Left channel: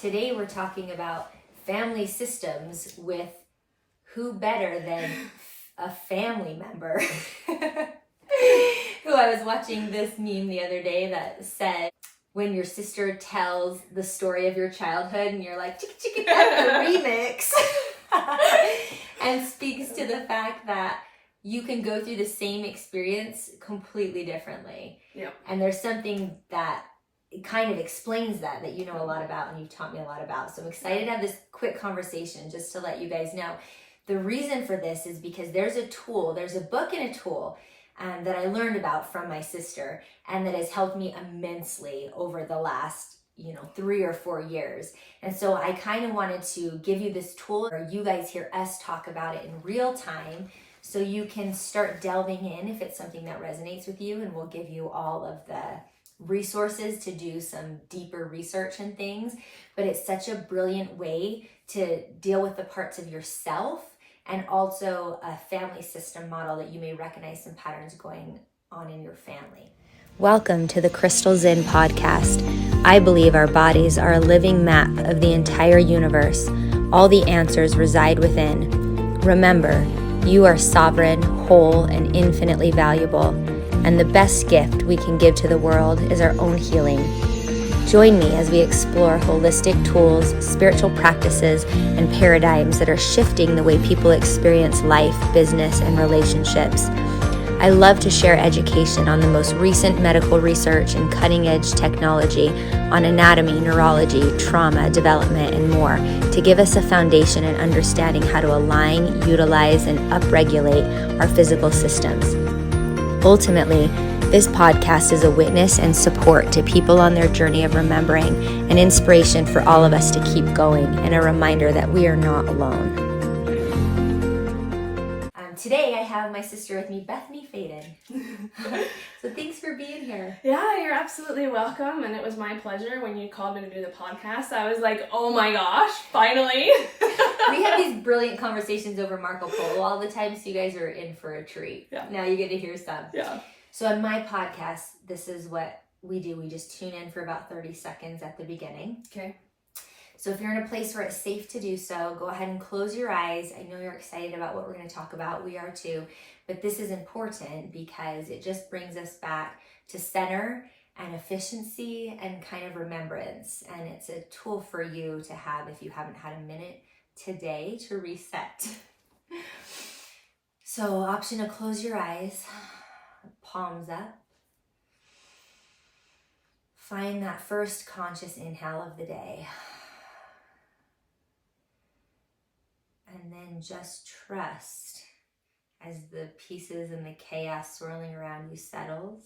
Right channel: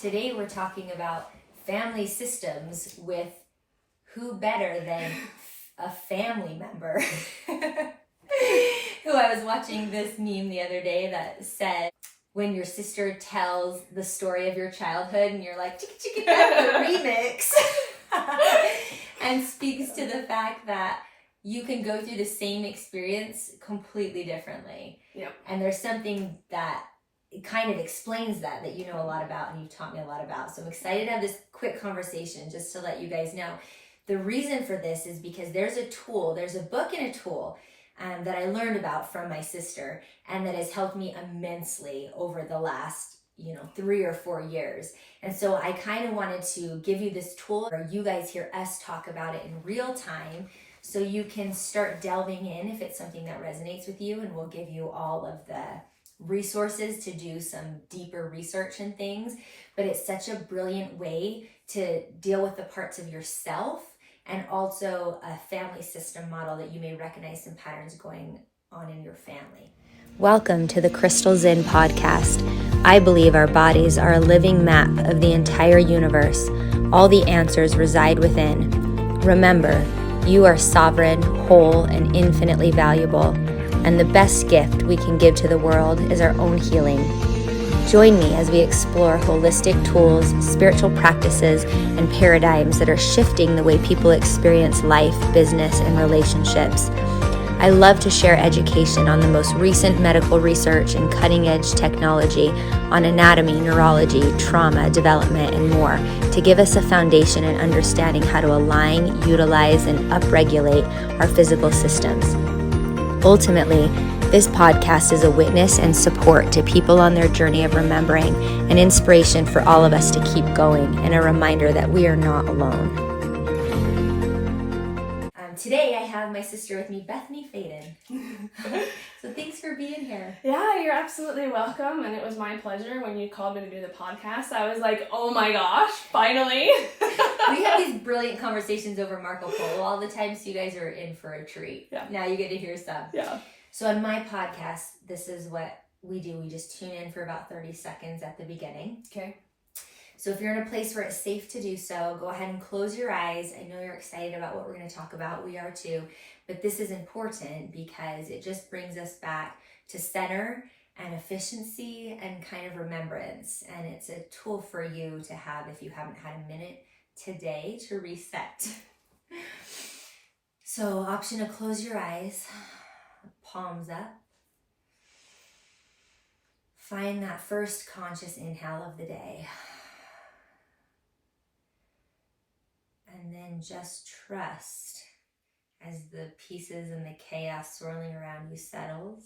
Today we're talking about family systems with who better than a family member. Who I was watching this meme the other day that said, when your sister tells the story of your childhood and you're like, chicka chicka, that's the remix. And speaks to the fact that you can go through the same experience completely differently. Yeah. And there's something that it kind of explains that you know a lot about and you've taught me a lot about. So I'm excited to have this quick conversation just to let you guys know. The reason for this is because there's a book and a tool that I learned about from my sister and that has helped me immensely over the last 3 or 4 years. And so I kind of wanted to give you this tool, or you guys hear us talk about it in real time, so you can start delving in if it's something that resonates with you, and we'll give you all of the resources to do some deeper research and things. But it's such a brilliant way to deal with the parts of yourself and also a family system model that you may recognize some patterns going on in your family. Welcome to the Crystal Zen podcast. I believe our bodies are a living map of the entire universe. All the answers reside within. Remember, you are sovereign, whole, and infinitely valuable. And the best gift we can give to the world is our own healing. Join me as we explore holistic tools, spiritual practices, and paradigms that are shifting the way people experience life, business, and relationships. I love to share education on the most recent medical research and cutting-edge technology on anatomy, neurology, trauma, development, and more to give us a foundation in understanding how to align, utilize, and upregulate our physical systems. Ultimately, this podcast is a witness and support to people on their journey of remembering, an inspiration for all of us to keep going, and a reminder that we are not alone. Today I have my sister with me, Bethany Faden. So thanks for being here. Yeah, you're absolutely welcome. And it was my pleasure when you called me to do the podcast. I was like, oh my gosh, finally. We have these brilliant conversations over Marco Polo all the time, so you guys are in for a treat. Yeah. Now you get to hear some. Yeah. So on my podcast, this is what we do. We just tune in for about 30 seconds at the beginning. Okay. So if you're in a place where it's safe to do so, go ahead and close your eyes. I know you're excited about what we're going to talk about. We are too. But this is important because it just brings us back to center and efficiency and kind of remembrance. And it's a tool for you to have if you haven't had a minute today to reset. So option to close your eyes, palms up. Find that first conscious inhale of the day. And then just trust as the pieces and the chaos swirling around you settles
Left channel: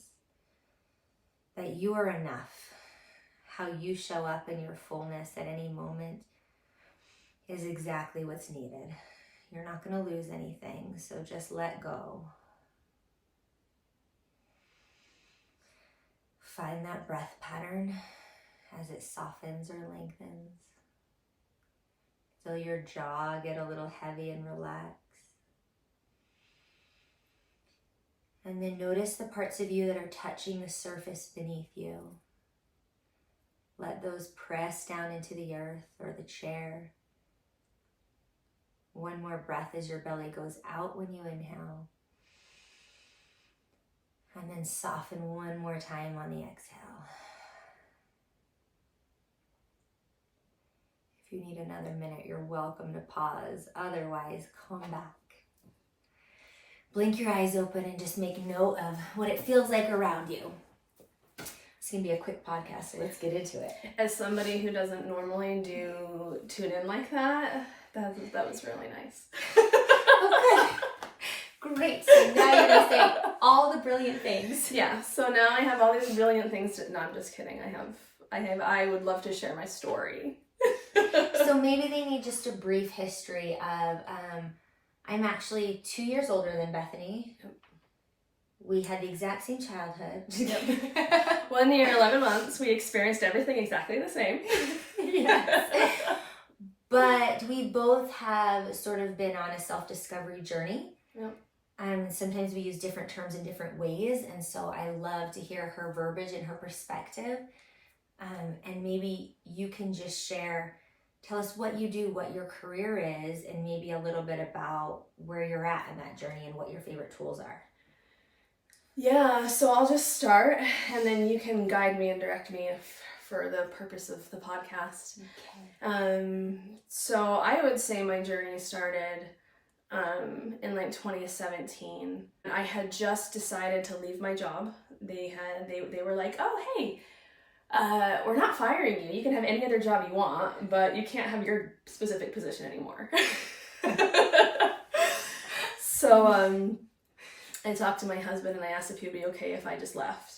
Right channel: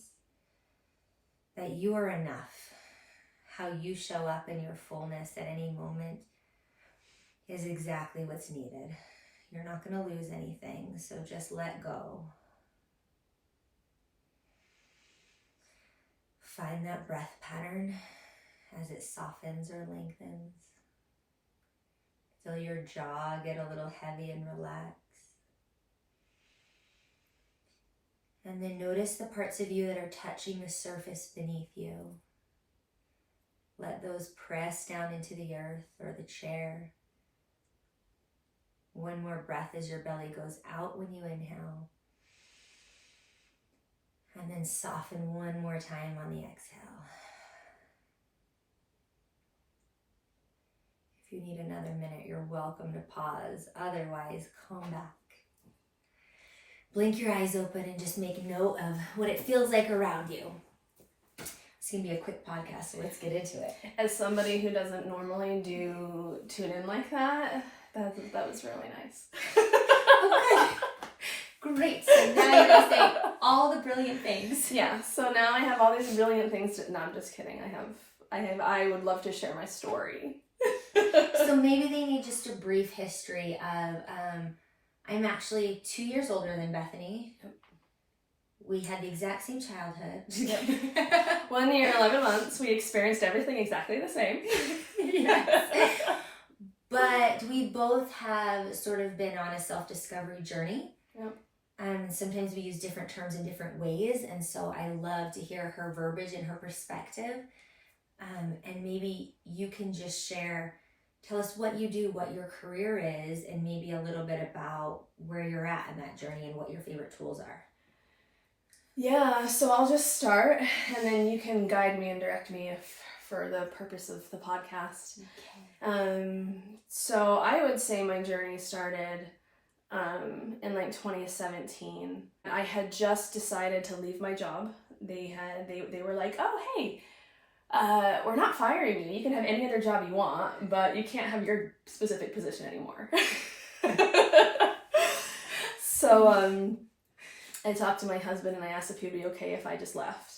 that you are enough. How you show up in your fullness at any moment is exactly what's needed. You're not going to lose anything, so just let go. Find that breath pattern as it softens or lengthens. Feel your jaw get a little heavy and relax. And then notice the parts of you that are touching the surface beneath you. Let those press down into the earth or the chair. One more breath as your belly goes out when you inhale. And then soften one more time on the exhale. If you need another minute, you're welcome to pause. Otherwise, come back. Blink your eyes open and just make note of what it feels like around you. It's going to be a quick podcast, so let's get into it. As somebody who doesn't normally tune in like that was really nice. Oh, good. Great. So now you're going to say all the brilliant things. Yeah. So now I have all these brilliant things no, I'm just kidding. I would love to share my story. So maybe they need just a brief history of, I'm actually 2 years older than Bethany. We had the exact same childhood. Yep. 1 year, 11 months. We experienced everything exactly the same. Yes. But we both have sort of been on a self-discovery journey. Yep. Sometimes we use different terms in different ways. And so I love to hear her verbiage and her perspective. And maybe you can just tell us what you do, what your career is, and maybe a little bit about where you're at in that journey and what your favorite tools are. Yeah, so I'll just start, and then you can guide me and direct me for the purpose of the podcast. Okay. So I would say my journey started in like 2017. I had just decided to leave my job. They were like, oh, hey, we're not firing you. You can have any other job you want, but you can't have your specific position anymore. So I talked to my husband and I asked if he'd be okay if I just left.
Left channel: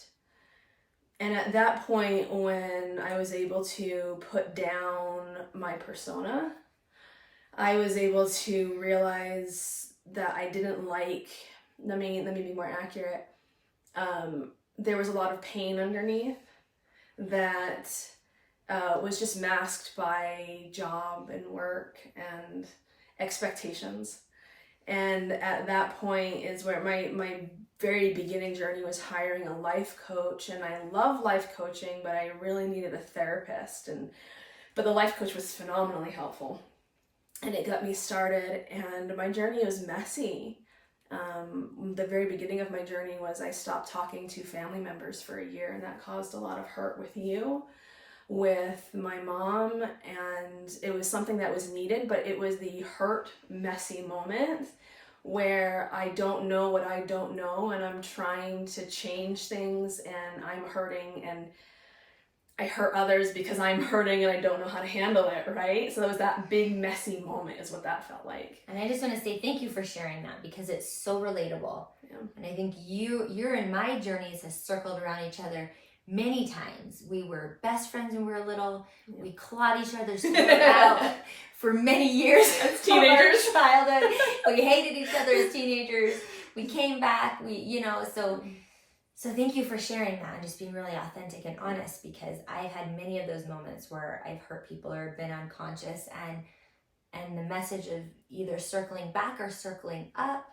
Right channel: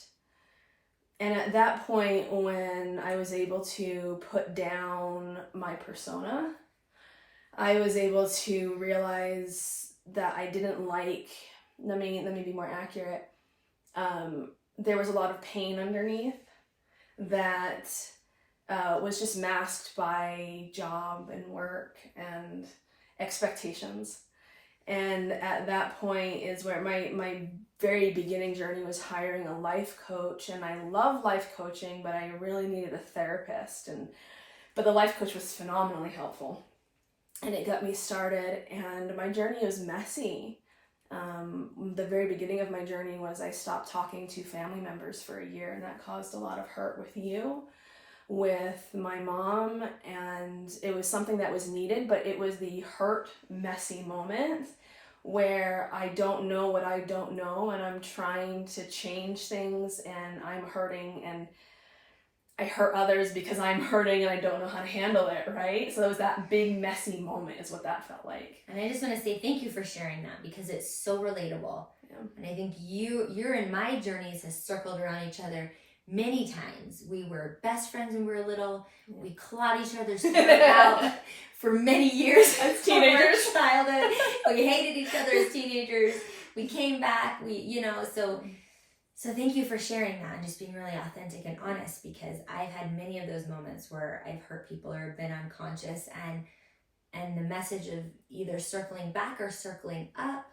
And at that point, when I was able to put down my persona, I was able to realize that I didn't like, let me be more accurate. There was a lot of pain underneath that was just masked by job and work and expectations. And at that point is where my very beginning journey was hiring a life coach. And I love life coaching, but I really needed a therapist. But the life coach was phenomenally helpful. And it got me started, and my journey was messy. The very beginning of my journey was I stopped talking to family members for a year, and that caused a lot of hurt with my mom, and it was something that was needed, but it was the hurt, messy moment where I don't know what I don't know, and I'm trying to change things, and I'm hurting, and I hurt others because I'm hurting and I don't know how to handle it, right? So it was that big messy moment is what that felt like. And I just want to say thank you for sharing that, because it's so relatable. Yeah. And I think your and my journeys has circled around each other many times. We were best friends when we were little. Yeah. We clawed each other's throat out for many years as teenagers. Childhood. We hated each other as teenagers. We came back. So thank you for sharing that and just being really authentic and honest, because I've had many of those moments where I've hurt people or been unconscious, and the message of either circling back or circling up,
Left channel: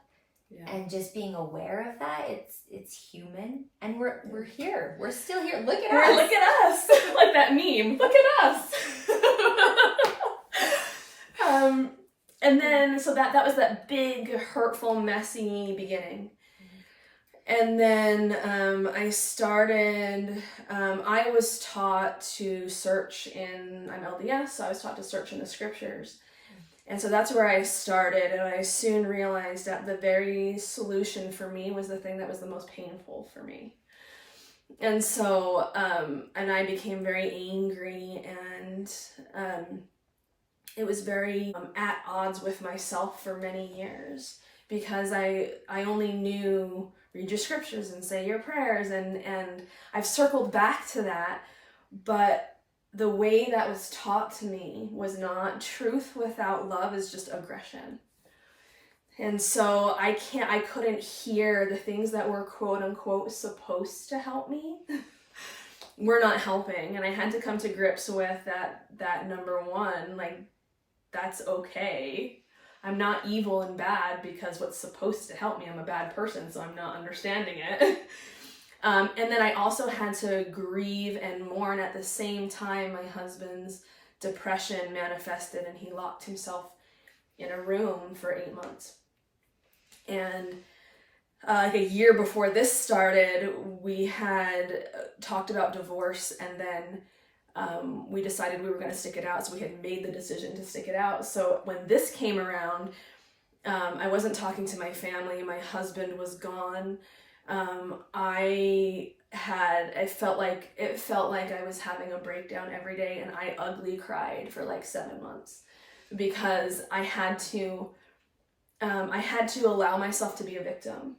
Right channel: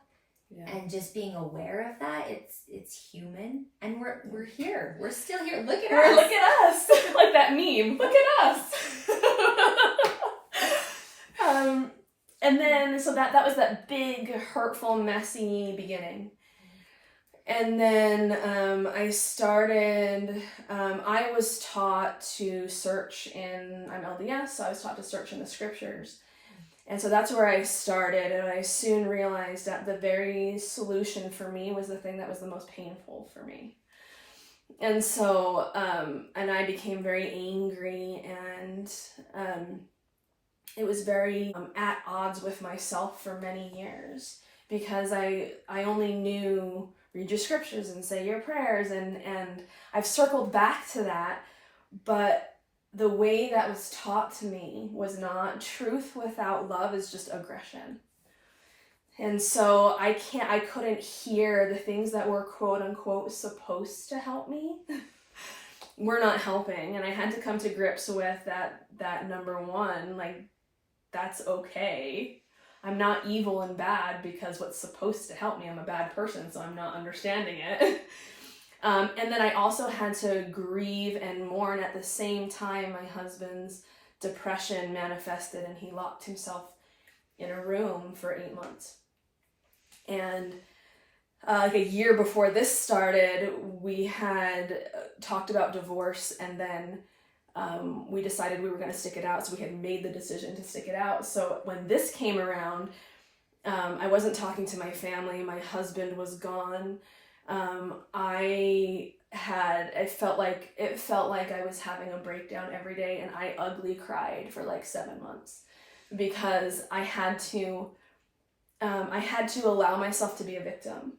and just being aware of that, it's human, and we're here. We're still here. Look at us. Look at us. Like that meme. Look at us. And then so that was that big, hurtful, messy beginning. And then I started, I was taught to search I'm LDS, so I was taught to search in the scriptures. And so that's where I started, and I soon realized that the very solution for me was the thing that was the most painful for me. And so, and I became very angry, and it was very at odds with myself for many years, because I only knew read your scriptures and say your prayers, and I've circled back to that, but the way that was taught to me was not truth without love, is just aggression. And so I couldn't hear the things that were quote unquote supposed to help me were not helping. And I had to come to grips with that number one, like, that's okay. I'm not evil and bad because what's supposed to help me, I'm a bad person, so I'm not understanding it. And then I also had to grieve and mourn at the same time. My husband's depression manifested, and he locked himself in a room for 8 months. And like a year before this started, we had talked about divorce, and then we decided we were going to stick it out. So we had made the decision to stick it out. So when this came around, I wasn't talking to my family. My husband was gone. It felt like I was having a breakdown every day, and I ugly cried for like 7 months, because I had to allow myself to be a victim.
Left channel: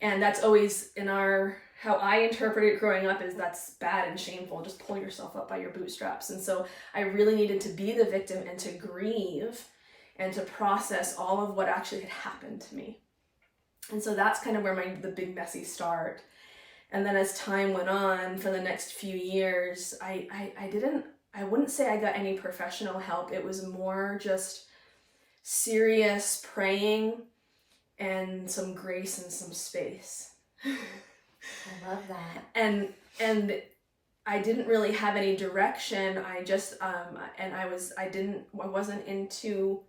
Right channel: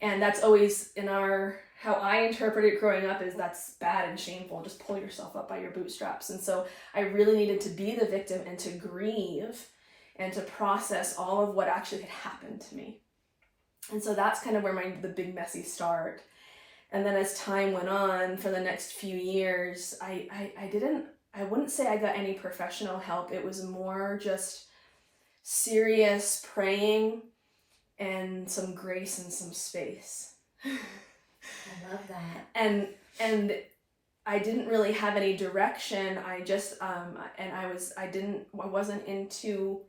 And that's always how I interpret it growing up, is that's bad and shameful. Just pull yourself up by your bootstraps. And so I really needed to be the victim and to grieve and to process all of what actually had happened to me. And so that's kind of where the big messy start. And then as time went on, for the next few years, I wouldn't say I got any professional help. It was more just serious praying and some grace and some space. I love that. And I didn't really have any direction. I just and I wasn't into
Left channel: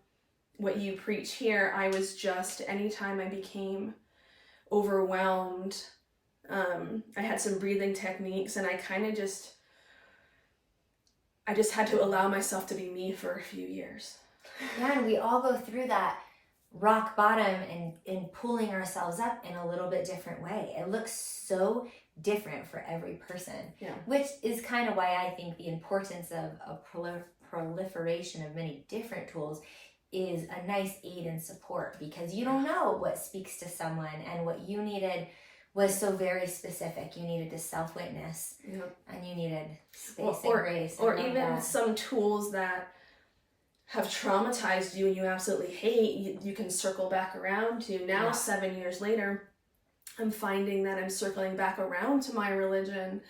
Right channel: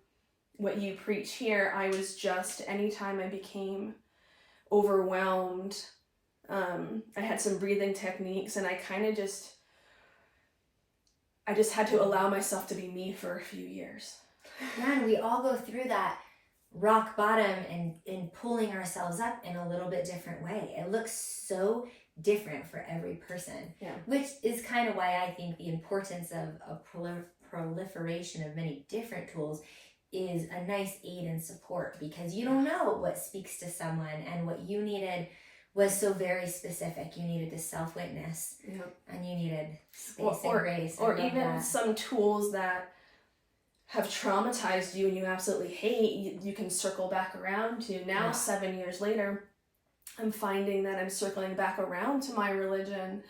what you preach here. I was just, anytime I became overwhelmed, I had some breathing techniques, and I just had to allow myself to be me for a few years. Yeah, and we all go through that rock bottom and pulling ourselves up in a little bit different way. It looks so different for every person, which is kind of why I think the importance of a proliferation of many different tools is a nice aid and support, because you don't know what speaks to someone, and what you needed was so very specific. You needed to self-witness, and you needed space and grace. Or even some tools that have traumatized you and you absolutely hate, you can circle back around to. Now, 7 years later, I'm finding that I'm circling back around to my religion,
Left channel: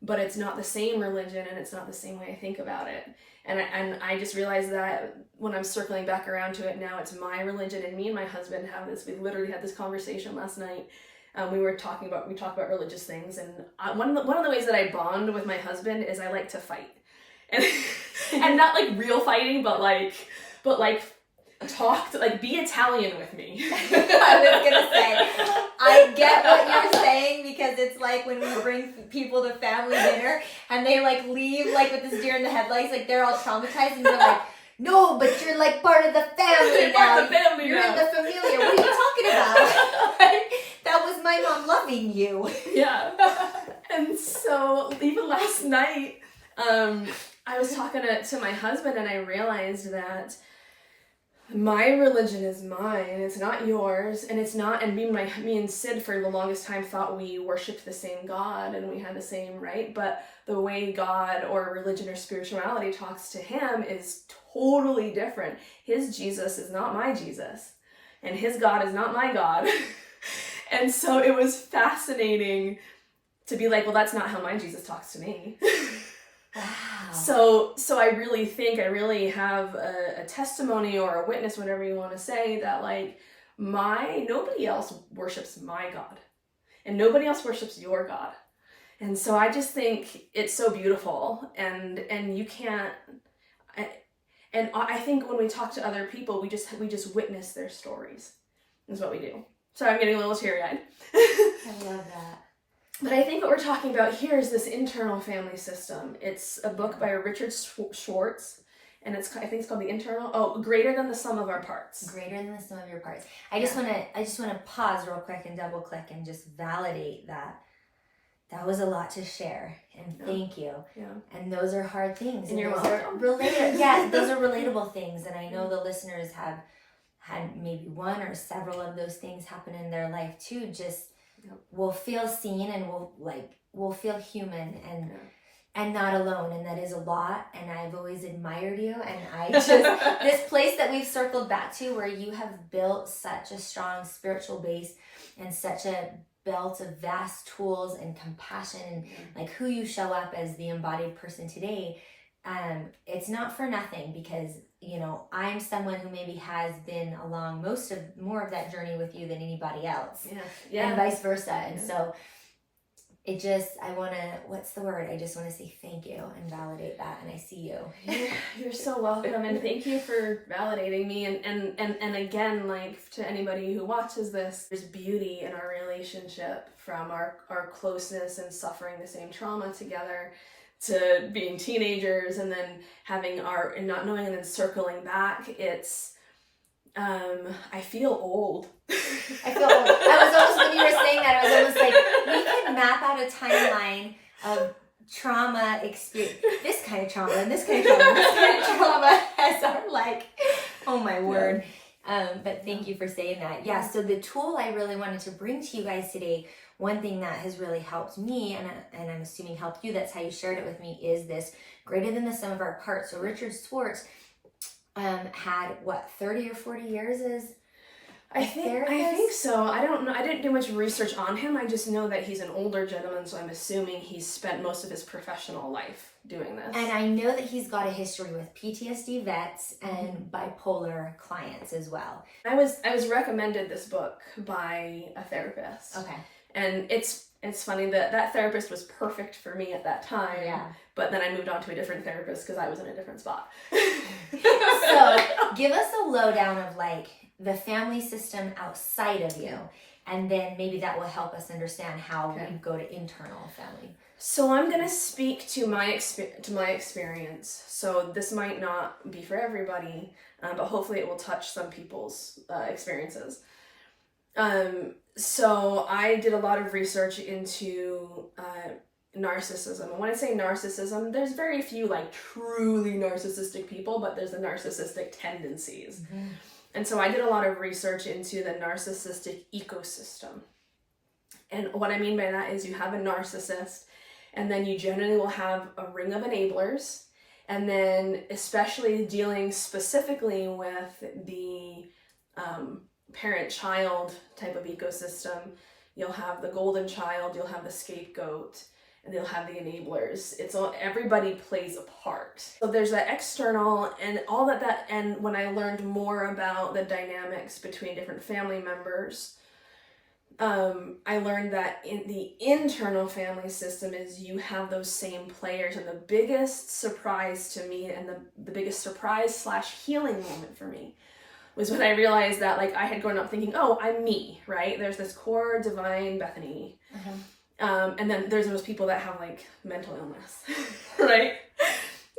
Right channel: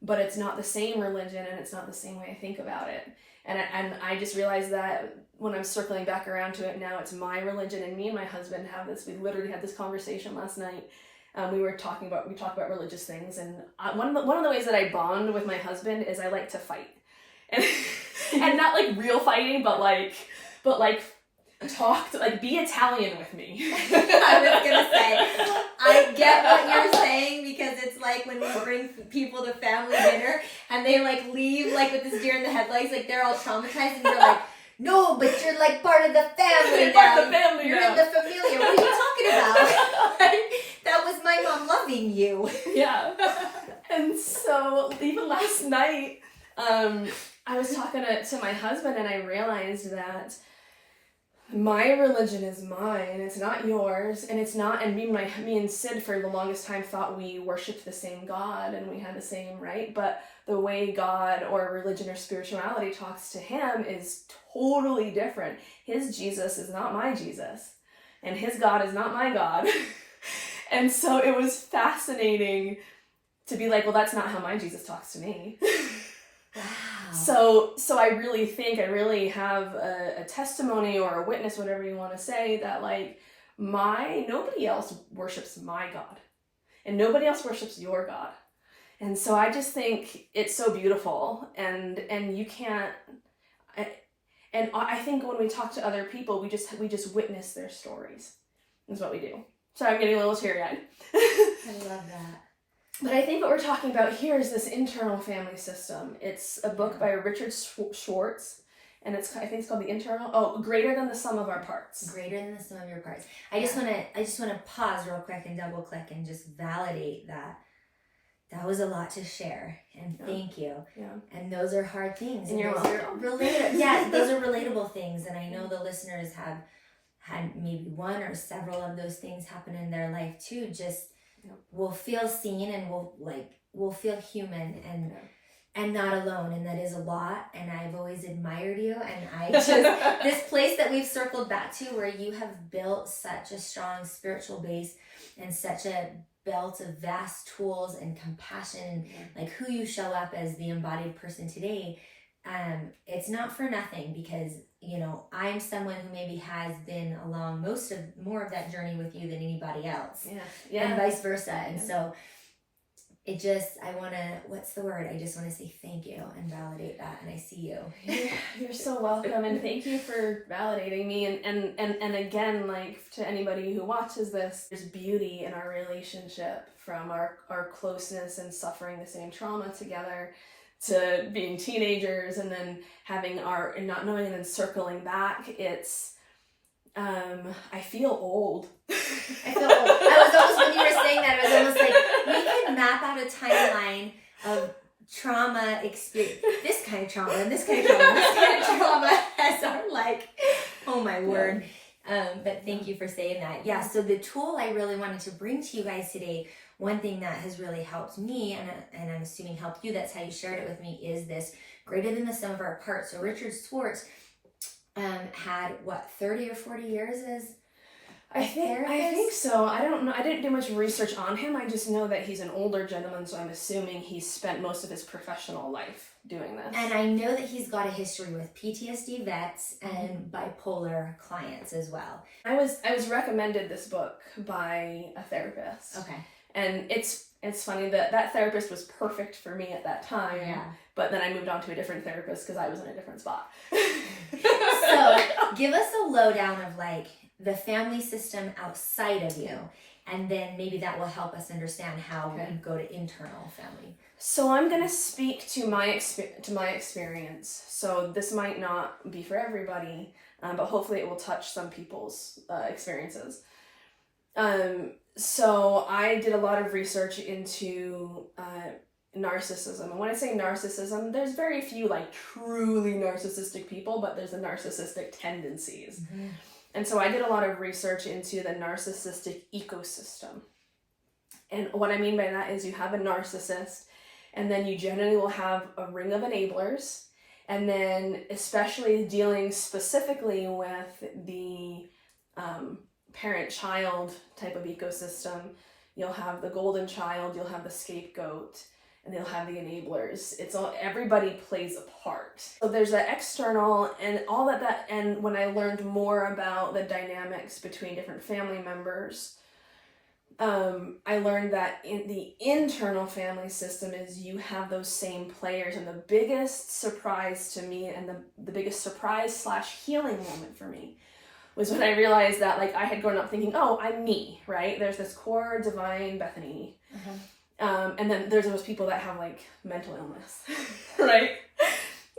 but it's not the same religion, and it's not the same way I think about it. And I just realized that when I'm circling back around to it now, it's my religion. And me and my husband we literally had this conversation last night. We talked about religious things, and one of the ways that I bond with my husband is I like to fight, and not like real fighting, but like be Italian with me. I was gonna say, I get what you're saying, because it's like when we bring people to family dinner and they like leave like with this deer in the headlights, like they're all traumatized, and we're like, no, but you're like part of the family You're now. part of the family You're now. in the familiar. What are you talking about? That was my mom loving you. Yeah. And so even last night, I was talking to my husband, and I realized that my religion is mine, it's not yours, and it's not, and me and Sid for the longest time thought we worshipped the same God and we had the same, right? But the way God or religion or spirituality talks to him is totally different. His Jesus is not my Jesus, and his God is not my God. And so it was fascinating to be like, well, that's not how my Jesus talks to me. Wow. So I really think I really have a testimony or a witness, whatever you want to say, that like nobody else worships my God, and nobody else worships your God. And so I just think it's so beautiful, and you can't, and I think when we talk to other people, we just witness their stories, is what we do. So I'm getting a little teary-eyed. I love that. But I think what we're talking about here is this internal family system. It's a book by Richard Schwartz, and I think it's called Greater Than the Sum of Our Parts. Greater than the sum of your parts. I just want to pause real quick and double click and just validate that. That was a lot to share, and thank you. Yeah. And those are hard things. And you're welcome. Those are relatable things, and I know the listeners have had maybe one or several of those things happen in their life too. Just will feel seen, and will feel human and not alone, and that is a lot. And I've always admired you, and I just this place that we've circled back to, where you have built such a strong spiritual base and such a belt of vast tools and compassion, like who you show up as the embodied person today. It's not for nothing, because I'm someone who maybe has been along more of that journey with you than anybody else, and vice versa. And so I just want to say thank you and validate that, and I see you. You're so welcome, and thank you for validating me. And again, like, to anybody who watches this, there's beauty in our relationship, from our closeness and suffering the same trauma together, to being teenagers, and then having and not knowing, and then circling back. It's I feel old. I feel old. I was almost, when you were saying that, I was almost like, we could map out a timeline of trauma experience, this kind of trauma, and this kind of trauma, and this kind of trauma, as our oh my word. But thank you for saying that. Yeah, so the tool I really wanted to bring to you guys today, one thing that has really helped me, and I'm assuming helped you, that's how you shared it with me, is this greater than the sum of our parts. So Richard Schwartz had 30 or 40 years as I think so. I don't know. I didn't do much research on him. I just know that he's an older gentleman, so I'm assuming he's spent most of his professional life doing this. And I know that he's got a history with PTSD vets and bipolar clients as well. I was recommended this book by a therapist. Okay. And it's it's funny that that therapist was perfect for me at that time. Yeah. But then I moved on to a different therapist because I was in a different spot. So give us a lowdown of like the family system outside of you, and then maybe that will help us understand how we go to internal family. So I'm gonna speak to my experience. So this might not be for everybody, but hopefully it will touch some people's experiences. So I did a lot of research into narcissism. And when I say narcissism, there's very few like truly narcissistic people, but there's the narcissistic tendencies. Mm-hmm. And so I did a lot of research into the narcissistic ecosystem. And what I mean by that is you have a narcissist, and then you generally will have a ring of enablers. And then especially dealing specifically with the parent-child type of ecosystem, you'll have the golden child, you'll have the scapegoat, and they'll have the enablers. It's all, everybody plays a part. So there's that external and all that, and when I learned more about the dynamics between different family members, I learned that in the internal family system is you have those same players. And the biggest surprise to me, and the biggest surprise / healing moment for me, was when I realized that like I had grown up thinking, oh, I'm me, right? There's this core divine Bethany. Mm-hmm. And then there's those people that have like mental illness, right?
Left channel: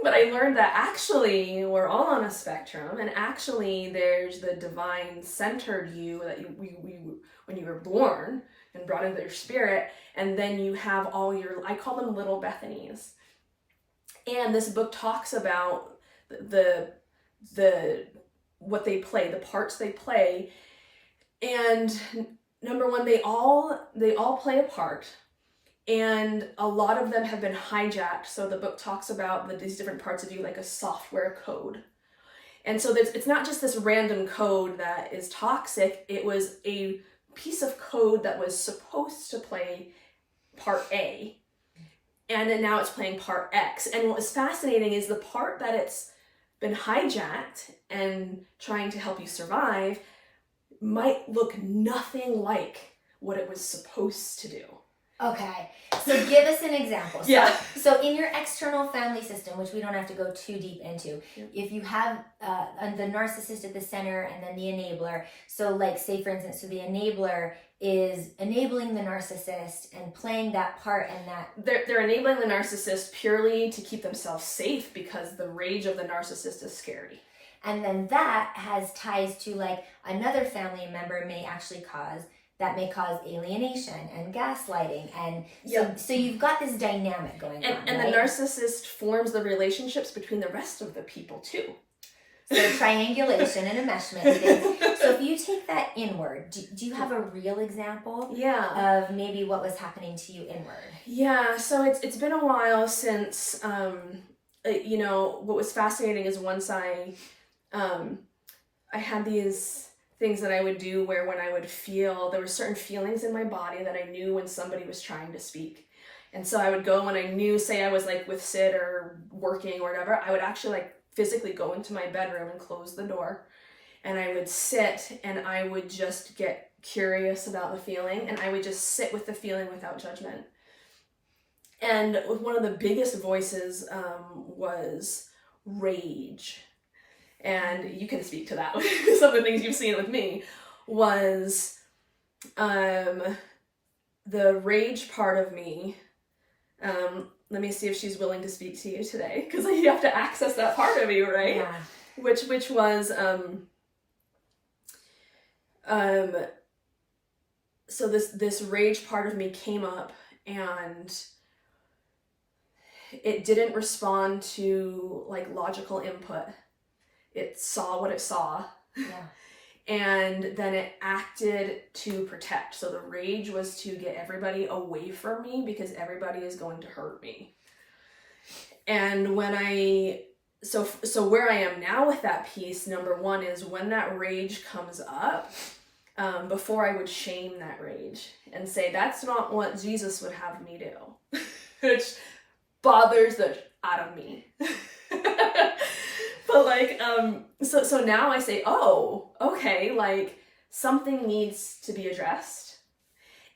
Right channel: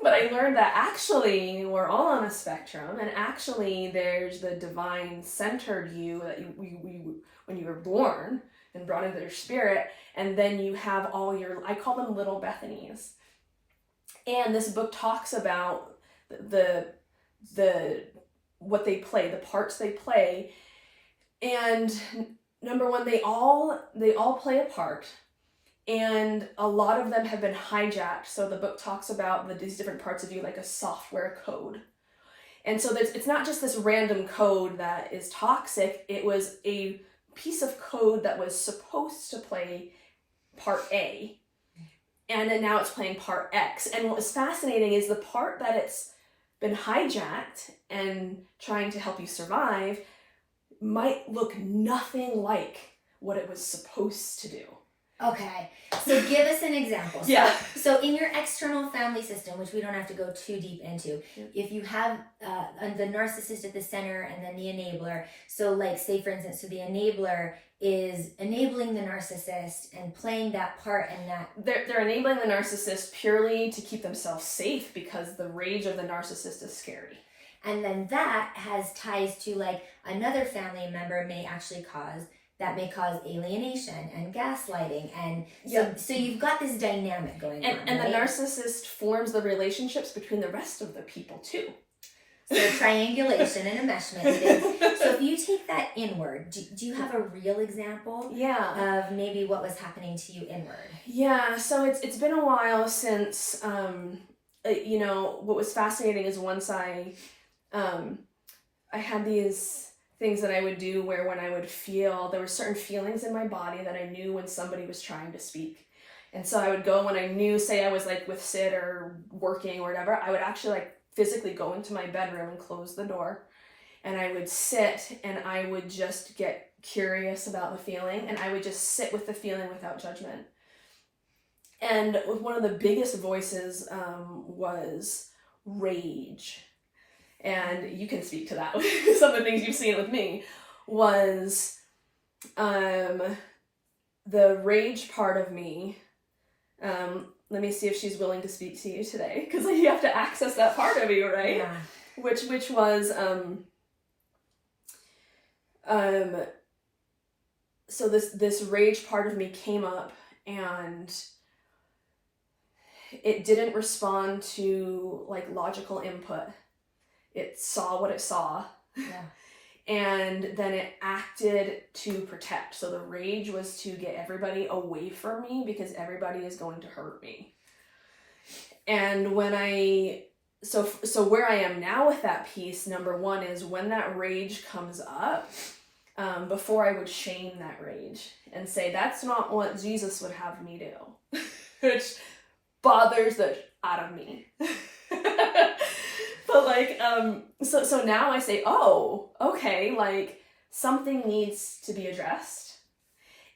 But I learned that actually we're all on a spectrum, and actually there's the divine centered you that we when you were born and brought into your spirit, and then you have all your, I call them little Bethanies. And this book talks about the what they play, the parts they play. And number one, they all play a part. And a lot of them have been hijacked. So the book talks about these different parts of you like a software code. And so it's not just this random code that is toxic. It was a piece of code that was supposed to play part A. And then now it's playing part X. And what was fascinating is the part that it's been hijacked and trying to help you survive might look nothing like what it was supposed to do. Okay, so give us an example. So in your external family system, which we don't have to go too deep into, if you have the narcissist at the center and then the enabler, so like say for instance, so the enabler is enabling the narcissist and playing that part, and that they're enabling the narcissist purely to keep themselves safe because the rage of the narcissist is scary. And then that has ties to like another family member may cause alienation and gaslighting, and so you've got this dynamic going on. And the narcissist forms the relationships between the rest of the people too. So triangulation and enmeshment. So if you take that inward, do you have a real example of maybe what was happening to you inward? Yeah, so it's been a while since, what was fascinating is once I had these things that I would do where when I would feel, there were certain feelings in my body that I knew when somebody was trying to speak. And so I would go when I knew, say I was like with Sid or working or whatever, I would actually like physically go into my bedroom and close the door. And I would sit and I would just get curious about the feeling, and I would just sit with the feeling without judgment. And one of the biggest voices was rage. And you can speak to that. Some of the things you've seen with me was the rage part of me. Let me see if she's willing to speak to you today, because you have to access that part of you, right? Yeah. Which was so this rage part of me came up, and it didn't respond to like logical input. It saw what it saw, and then it acted to protect. So the rage was to get everybody away from me because everybody is going to hurt me. And when so where I am now with that piece, number one is when that rage comes up, before I would shame that rage and say, that's not what Jesus would have me do, which bothers the out of me. But like, so now I say, oh, okay, like something needs to be addressed.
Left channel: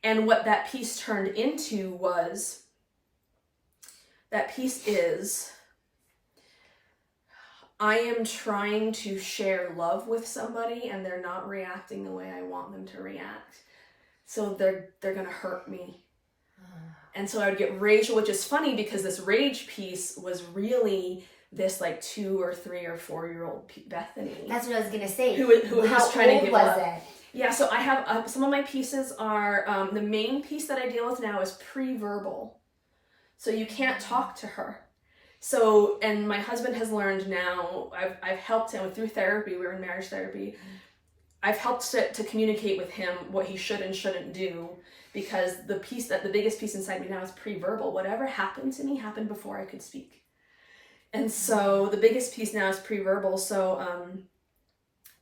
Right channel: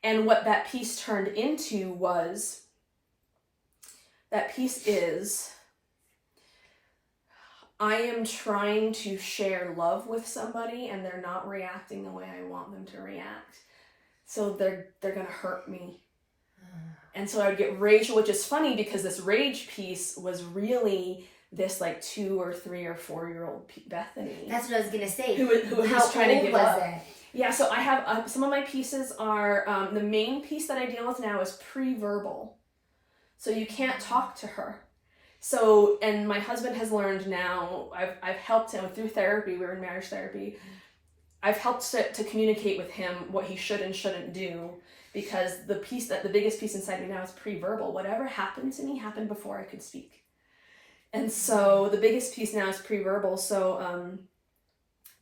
And what that piece turned into was, that piece is, I am trying to share love with somebody and they're not reacting the way I want them to react. So they're going to hurt me. And so I would get rage, which is funny because this rage piece was really this like 2 or 3 or 4-year-old Bethany. That's what I was going to say. Who was trying to give up. It? Yeah, so I have some of my pieces are, the main piece that I deal with now is pre-verbal. So you can't talk to her. So, and my husband has learned now, I've helped him through therapy, we were in marriage therapy, I've helped to communicate with him what he should and shouldn't do, because the biggest piece inside me now is pre-verbal. Whatever happened to me happened before I could speak. And so the biggest piece now is pre-verbal. So,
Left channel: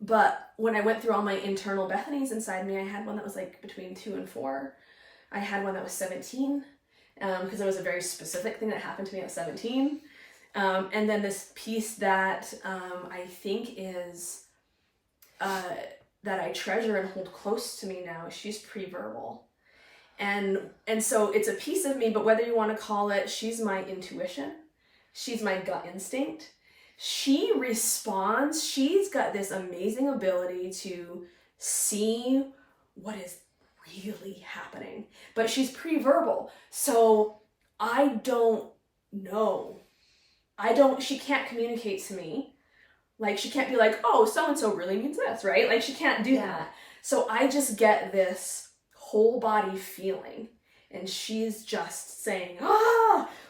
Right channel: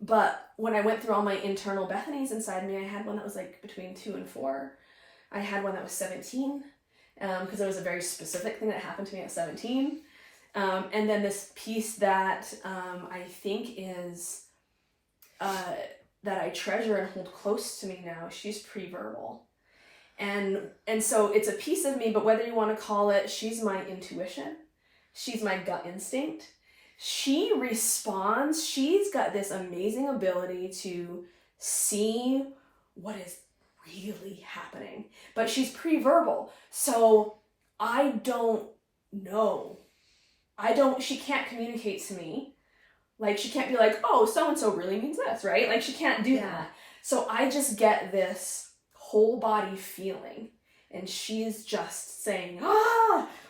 but when I went through all my internal Bethanies inside me, I had one that was like between 2 and 4. I had one that was 17, because there was a very specific thing that happened to me at 17. And then this piece that I think is, that I treasure and hold close to me now, she's pre-verbal. And so it's a piece of me, but whether you want to call it, she's my intuition, she's my gut instinct. She responds, she's got this amazing ability to see what is really happening, but she's pre-verbal. So I don't know. She can't communicate to me. Like, she can't be like, oh, so-and-so really means this, right? Like, she can't do that. So I just get this whole body feeling, and she's just saying,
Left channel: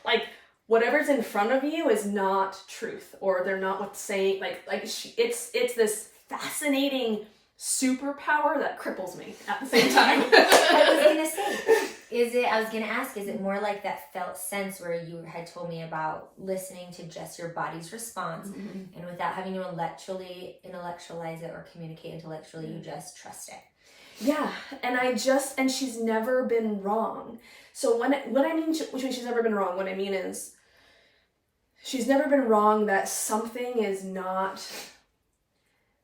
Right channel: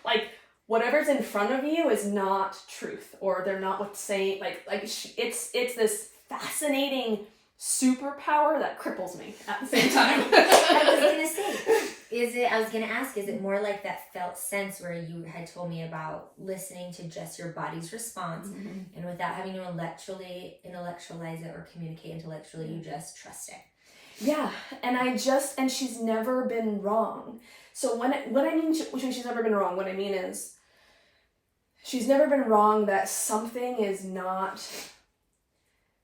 like, whatever's in front of you is not truth, or they're not what's saying, it's this fascinating superpower that cripples me at the same time. I was gonna ask, is it more like that felt sense where you had told me about listening to just your body's response, and without having to intellectualize it or communicate intellectually, you just trust it? Yeah, and she's never been wrong. So when she's never been wrong, what I mean is, she's never been wrong that something is not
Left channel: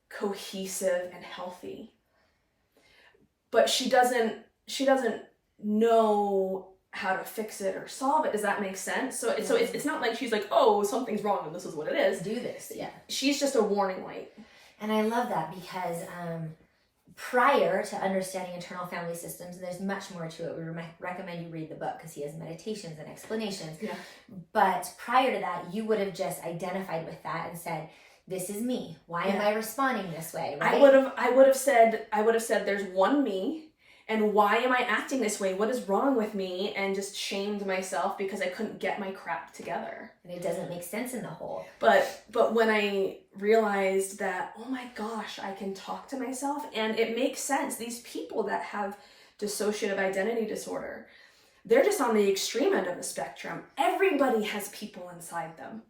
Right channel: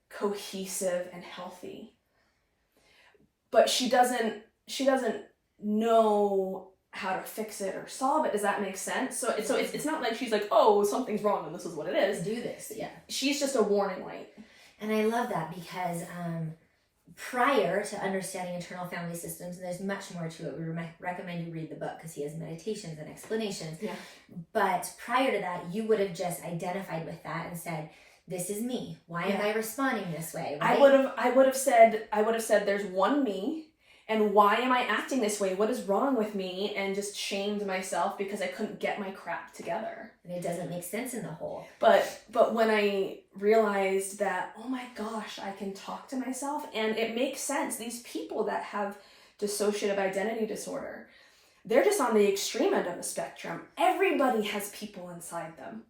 cohesive and healthy. But she doesn't know how to fix it or solve it. Does that make sense? So it's not like she's like, oh, something's wrong and this is what it is. Do this, yeah. She's just a warning light. And I love that because prior to understanding internal family systems, and there's much more to it, we recommend you read the book because he has meditations and explanations. Yeah. But prior to that, you would have just identified with that and said, this is me. Why am I responding this way? Right? I would have said there's one me, and why am I acting this way? What is wrong with me? And just shamed myself because I couldn't get my crap together. And it doesn't make sense in the whole. But when I realized that, oh my gosh, I can talk to myself, and it makes sense. These people that have dissociative identity disorder, they're just on the extreme end of the spectrum. Everybody has people inside them.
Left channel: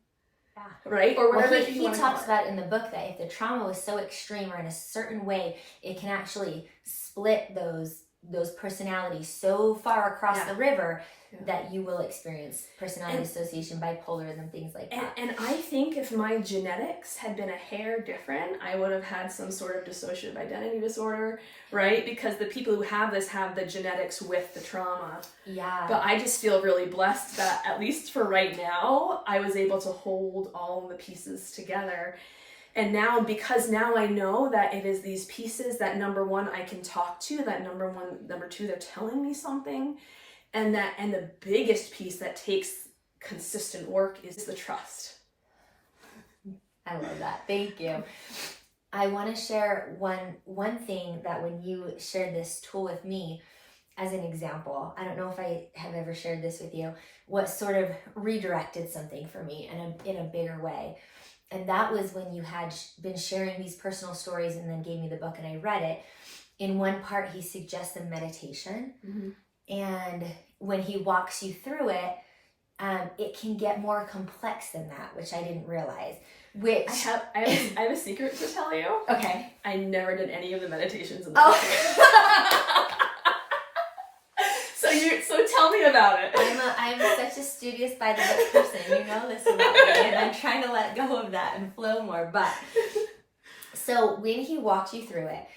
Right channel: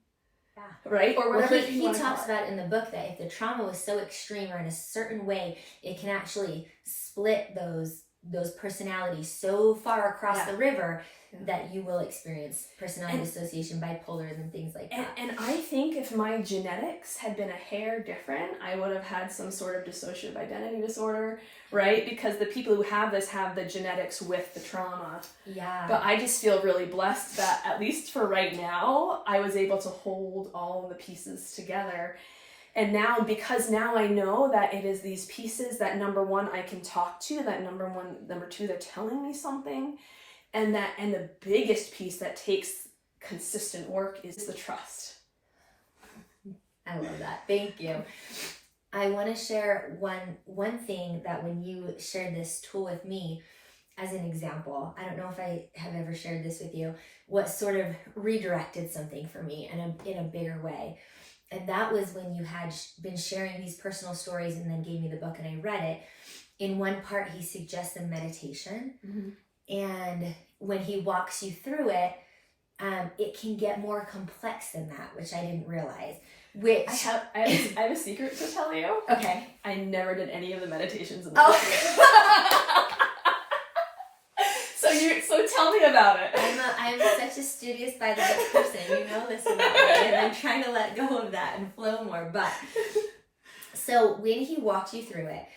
Yeah. Right? Or whatever he talks about in the book that if the trauma was so extreme or in a certain way, it can actually split those personalities so far across the river that you will experience personality dissociation, bipolarism, things like that. And I think if my genetics had been a hair different, I would have had some sort of dissociative identity disorder, right? Because the people who have this have the genetics with the trauma. Yeah. But I just feel really blessed that, at least for right now, I was able to hold all of the pieces together. And now, because now I know that it is these pieces that, number one, I can talk to, that number two, they're telling me something. And the biggest piece that takes consistent work is the trust. I love that. Thank you. I want to share one thing that when you shared this tool with me as an example, I don't know if I have ever shared this with you, what sort of redirected something for me in a bigger way. And that was when you had been sharing these personal stories and then gave me the book and I read it. In one part, he suggests a meditation. Mm-hmm. And when he walks you through it, it can get more complex than that, which I didn't realize. Which I have a secret to tell you. Okay. I never did any of the meditations in the book. So tell me about it. I'm such a studious by the book person. You know this about me, and I'm trying to let go of that and flow more. But so when he walked you through it,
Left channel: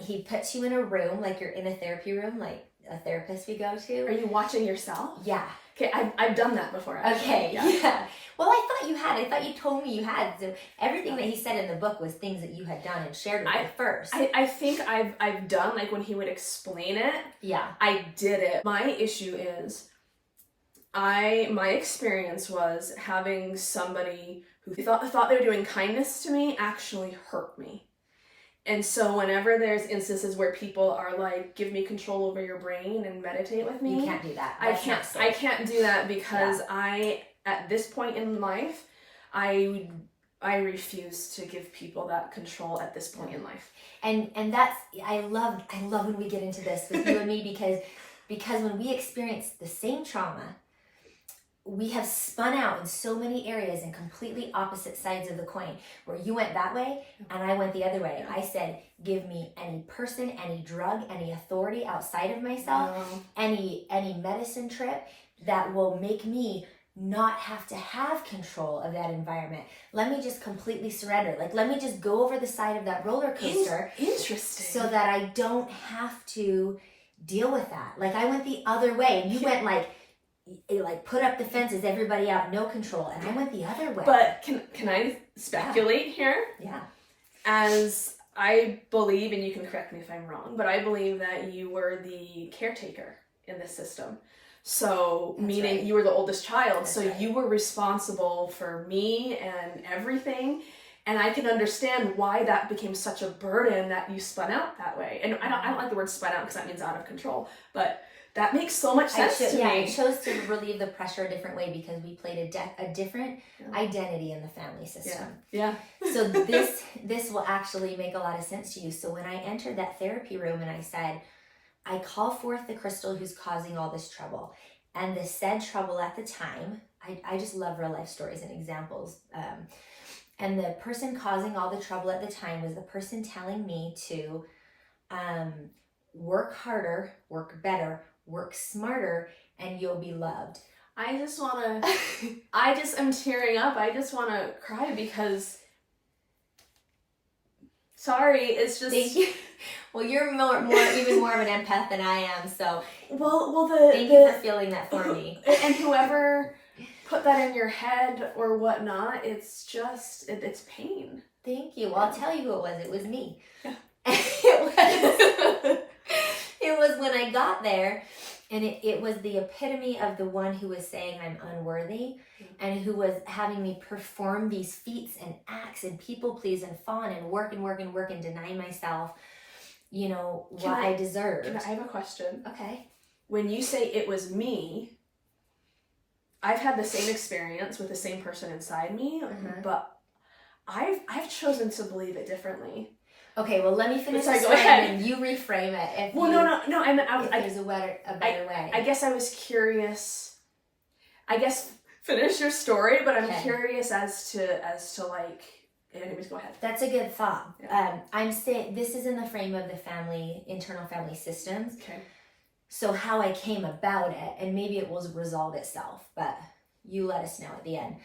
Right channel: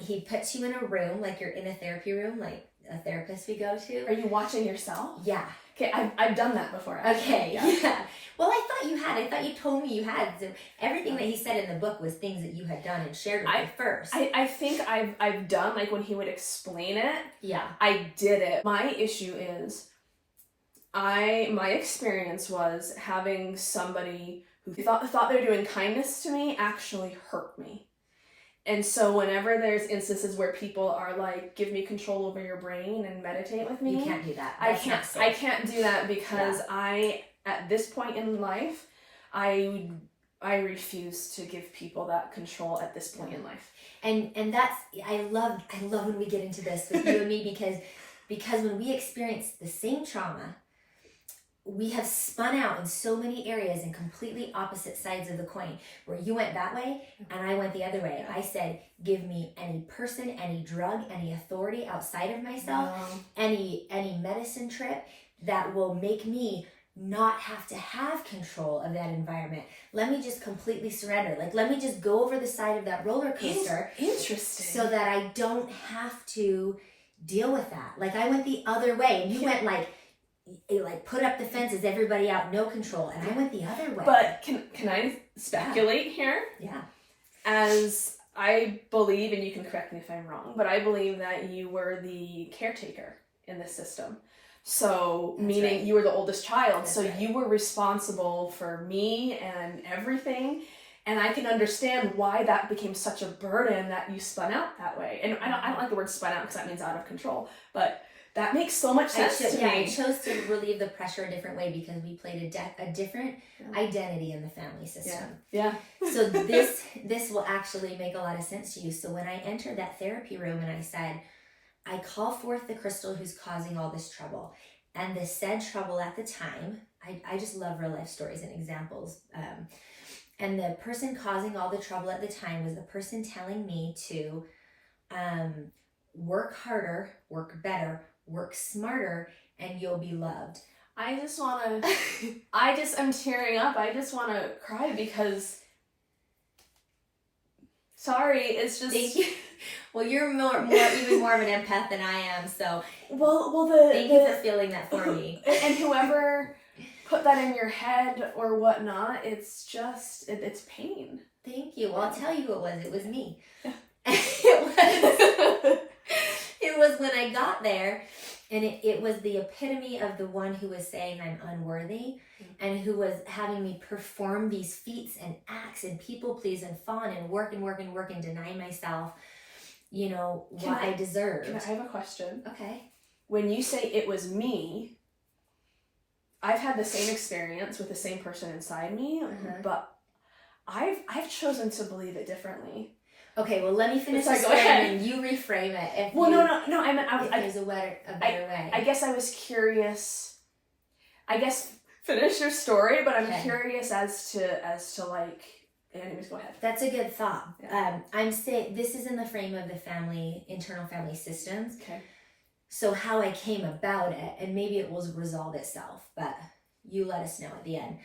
he puts you in a room, like you're in a therapy room, like a therapist we go to. Are you watching yourself? Yeah. Okay, I've done that before. Actually. Okay, yeah. Well, I thought you had. I thought you told me you had. So everything that he said in the book was things that you had done and shared with me first. I think I've done, like when he would explain it. Yeah. I did it. My issue is, my experience was having somebody who thought they were doing kindness to me actually hurt me. And so whenever there's instances where people are like, give me control over your brain and meditate with me. You can't do that. I can't do that because at this point in life, I refuse to give people that control at this point in life. And that's, I love when we get into this with you and me because when we experience the same trauma, we have spun out in so many areas in completely opposite sides of the coin, where you went that way and I went the other way. I said, give me any person, any drug, any authority outside of myself, any medicine trip that will make me not have to have control of that environment. Let me just completely surrender. Like, let me just go over the side of that roller coaster. Interesting. So that I don't have to deal with that. Like, I went the other way and you went like put up the fences, everybody out, no control. And I went the other way. But can I speculate here? Yeah. As I believe, and you can correct me if I'm wrong, but I believe that you were the caretaker in this system. So, That's meaning right. you were the oldest child. That's so right. you were responsible for me and everything. And I can understand why that became such a burden that you spun out that way. And I don't like the word spun out because that means out of control. But that makes so much sense to me. I chose to relieve the pressure a different way because we played a different identity in the family system. Yeah. So this will actually make a lot of sense to you. So when I entered that therapy room and I said, I call forth the crystal who's causing all this trouble. And the said trouble at the time, I just love real life stories and examples. And the person causing all the trouble at the time was the person telling me to work harder, work better, work smarter, and you'll be loved. I'm tearing up. I just want to cry because, sorry, it's just. Thank you. Well, you're even more of an empath than I am, so. Thank you for feeling that for me. And whoever put that in your head or whatnot, it's just, it's pain. Thank you. Well, I'll tell you who it was. It was me. Yeah. It was when I got there, and it was the epitome of the one who was saying I'm unworthy, and who was having me perform these feats and acts and people please and fawn and work and deny myself, what I deserved. I have a question. Okay. When you say it was me, I've had the same experience with the same person inside me, but I've chosen to believe it differently. Okay, well, let me finish Sorry, the go story ahead. and you reframe it. No. If there's a better way. I guess I was curious. I guess finish your story, but I'm Okay. curious as to like. Anyways, go ahead. That's a good thought. Yeah. I'm saying this is in the frame of the internal family systems. Okay. So how I came about it, and maybe it will resolve itself, but you let us know at the end.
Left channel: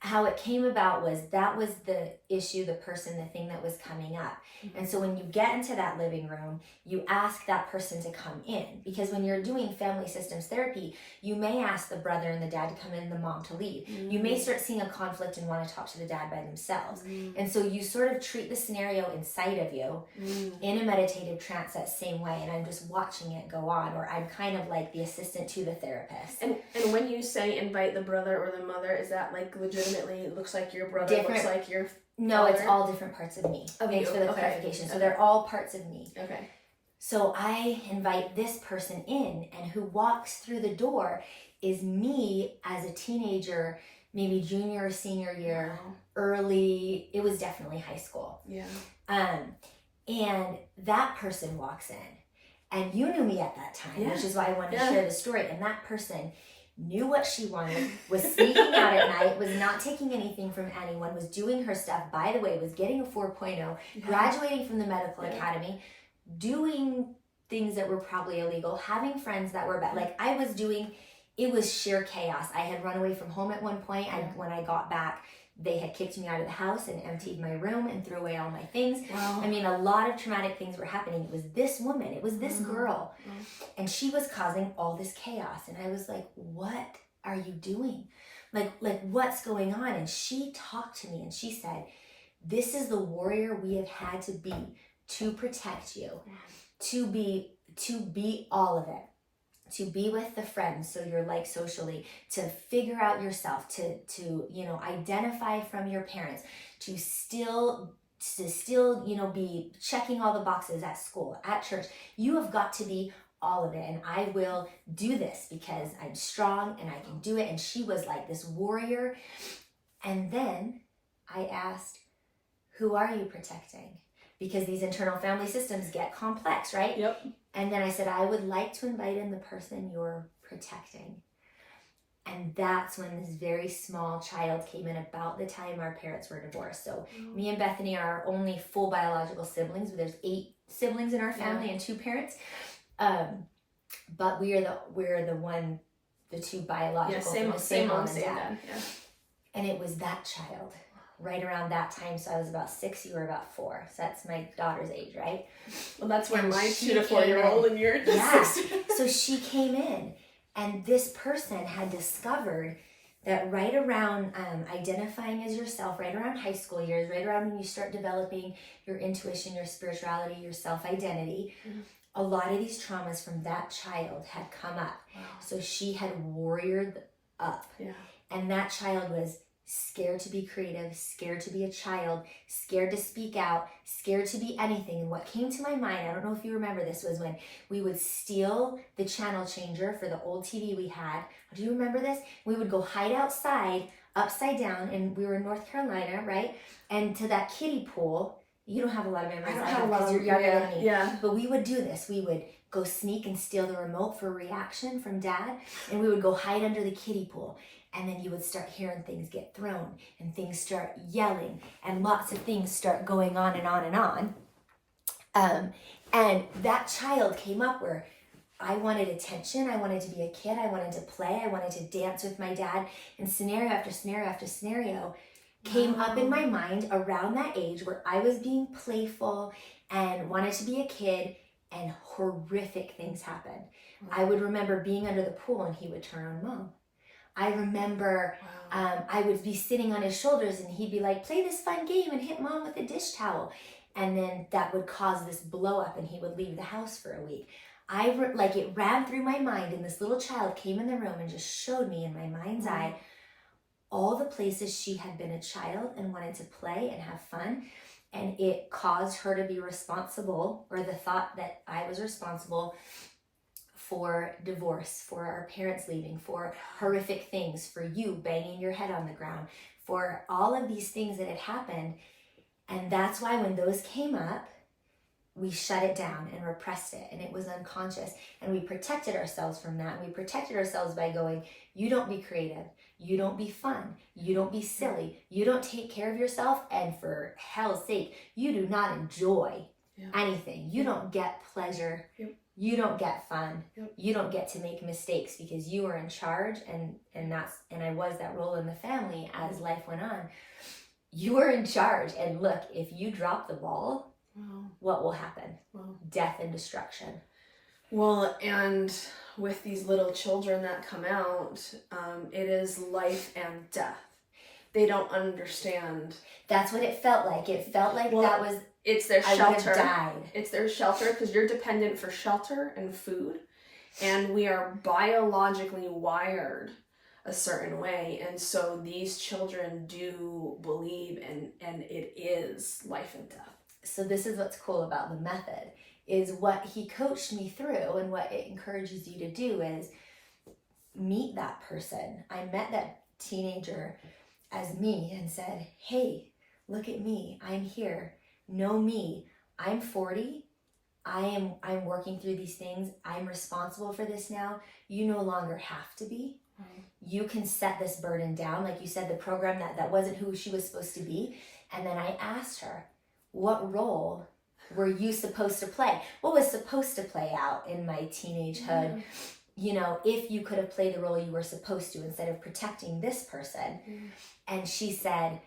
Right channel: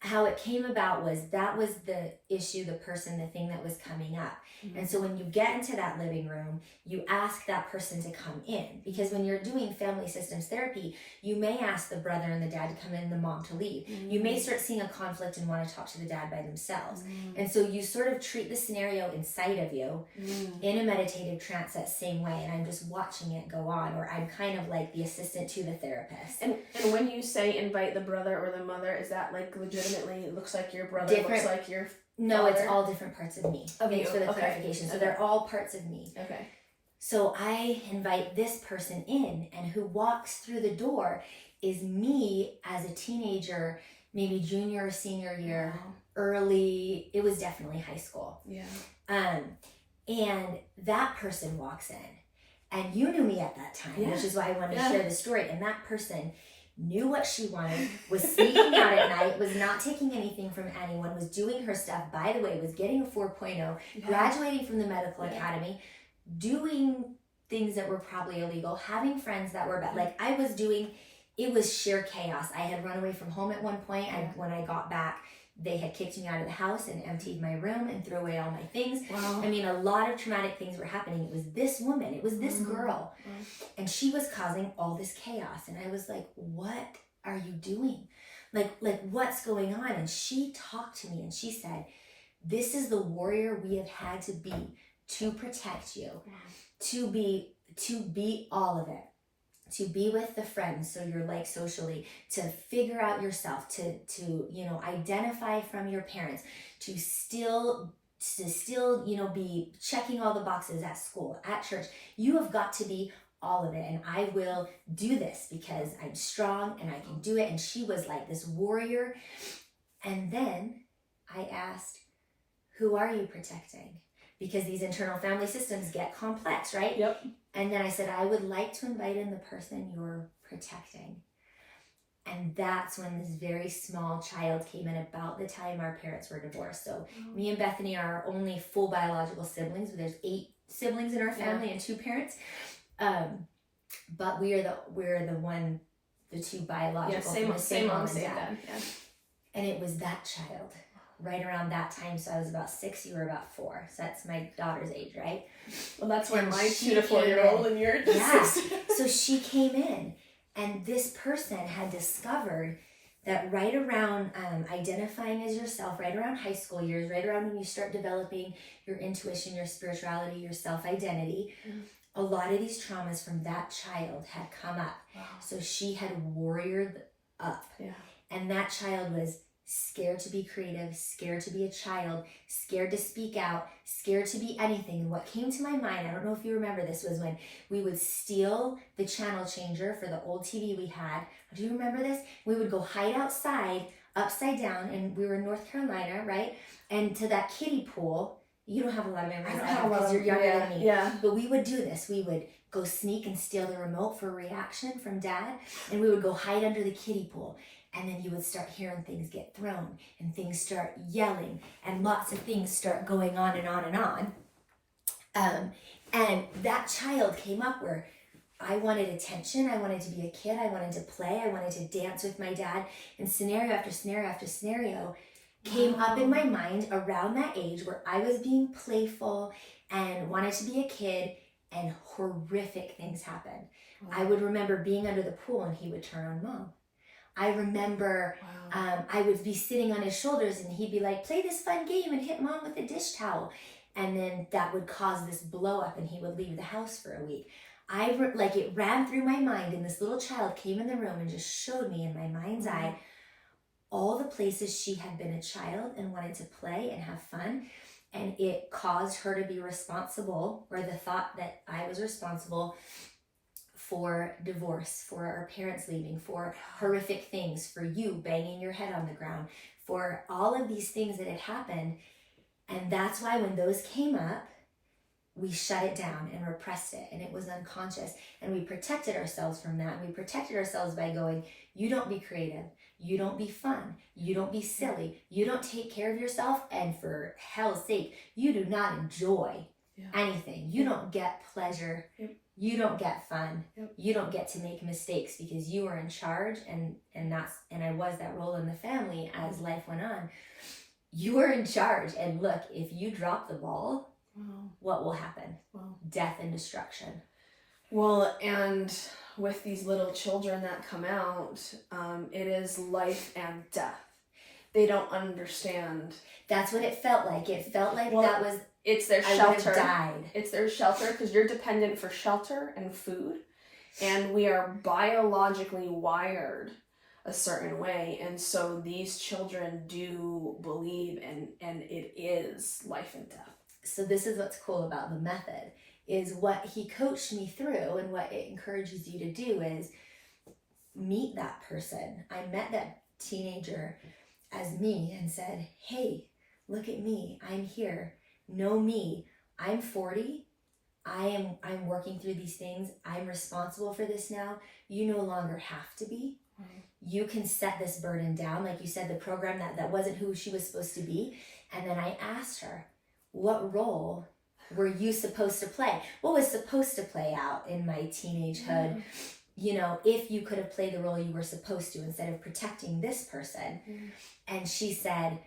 How it came about was that was the issue, the person, the thing that was coming up. Mm-hmm. And so when you get into that living room, you ask that person to come in. Because when you're doing family systems therapy, you may ask the brother and the dad to come in and the mom to leave. Mm-hmm. You may start seeing a conflict and want to talk to the dad by themselves. Mm-hmm. And so you sort of treat the scenario inside of you in a meditative trance that same way. And I'm just watching it go on, or I'm kind of like the assistant to the therapist. And when you say invite the brother or the mother, is that like legitimately looks like your brother, looks like your No, father? It's all different parts of me. Thanks for the clarification. So they're all parts of me. Okay. So I invite this person in, and who walks through the door is me as a teenager, maybe junior or senior year, early. It was definitely high school. Yeah. And that person walks in, and you knew me at that time, which is why I wanted to share the story. And that person knew what she wanted, was sneaking out at night, was not taking anything from anyone, was doing her stuff, by the way, was getting a 4.0, graduating from the medical academy, doing things that were probably illegal, having friends that were bad. Like I was doing, it was sheer chaos. I had run away from home at one point. When I got back, They had kicked me out of the house and emptied my room and threw away all my things. Wow. I mean, a lot of traumatic things were happening. It was this woman, it was this girl, and she was causing all this chaos. And I was like, what are you doing? Like what's going on? And she talked to me and she said, this is the warrior we have had to be to protect you, to be all of it, to be with the friends, so you're like socially, to figure out yourself, to identify from your parents, to still be checking all the boxes at school, at church. You have got to be all of it, and I will do this because I'm strong and I can do it. And she was like this warrior. And then I asked, who are you protecting? Because these internal family systems get complex, right? Yep. And then I said, I would like to invite in the person you're protecting. And that's when this very small child came in, about the time our parents were divorced. So me and Bethany are our only full biological siblings. There's 8 siblings in our family and 2 parents. But we're the 2 biological. Same mom, same dad. Yeah. And it was that child right around that time. So I was about 6, you were about 4. So that's my daughter's age, right? Well, that's when my 2 to 4-year-old and you're just 6. So she came in, and this person had discovered that right around identifying as yourself, right around high school years, right around when you start developing your intuition, your spirituality, your self-identity, a lot of these traumas from that child had come up. Wow. So she had warriored up. Yeah. And that child was scared to be creative, scared to be a child, scared to speak out, scared to be anything. And what came to my mind, I don't know if you remember this, was when we would steal the channel changer for the old TV we had. Do you remember this? We would go hide outside, upside down, and we were in North Carolina, right? And to that kiddie pool. You don't have a lot of memories. I don't have a lot of, you're younger than me. Yeah. But we would do this. We would go sneak and steal the remote for reaction from Dad, and we would go hide under the kiddie pool. And then you would start hearing things get thrown, and things start yelling, and lots of things start going on and on and on. And that child came up where I wanted attention. I wanted to be a kid. I wanted to play. I wanted to dance with my dad. And scenario after scenario after scenario came up in my mind around that age where I was being playful and wanted to be a kid, and horrific things happened. I would remember being under the pool and he would turn on Mom. I remember I would be sitting on his shoulders and he'd be like, play this fun game and hit Mom with a dish towel. And then that would cause this blow up and he would leave the house for a week. It ran through my mind, and this little child came in the room and just showed me in my mind's eye all the places she had been a child and wanted to play and have fun. And it caused her to be responsible, or the thought that I was responsible for divorce, for our parents leaving, for horrific things, for you banging your head on the ground, for all of these things that had happened. And that's why when those came up, we shut it down and repressed it, and it was unconscious. And we protected ourselves from that. And we protected ourselves by going, you don't be creative. You don't be fun. You don't be silly. You don't take care of yourself. And for hell's sake, you do not enjoy anything. You don't get pleasure. You don't get fun. You don't get to make mistakes because you are in charge. And I was that role in the family as life went on. You are in charge. And look, if you drop the ball, what will happen? Death and destruction. Well, and with these little children that come out, it is life and death. They don't understand. That's what it felt like. It felt like it's their shelter. I died. It's their shelter because you're dependent for shelter and food. And we are biologically wired a certain way. And so these children do believe and it is life and death. So this is what's cool about the method, is what he coached me through, and what it encourages you to do is meet that person. I met that teenager as me and said, hey, look at me. I'm here. Know me. I'm 40. I'm working through these things. I'm responsible for this now. You no longer have to be. You can set this burden down. Like you said, the program that wasn't who she was supposed to be. And then I asked her, what role were you supposed to play? What was supposed to play out in my teenagehood if you could have played the role you were supposed to instead of protecting this person. And she said,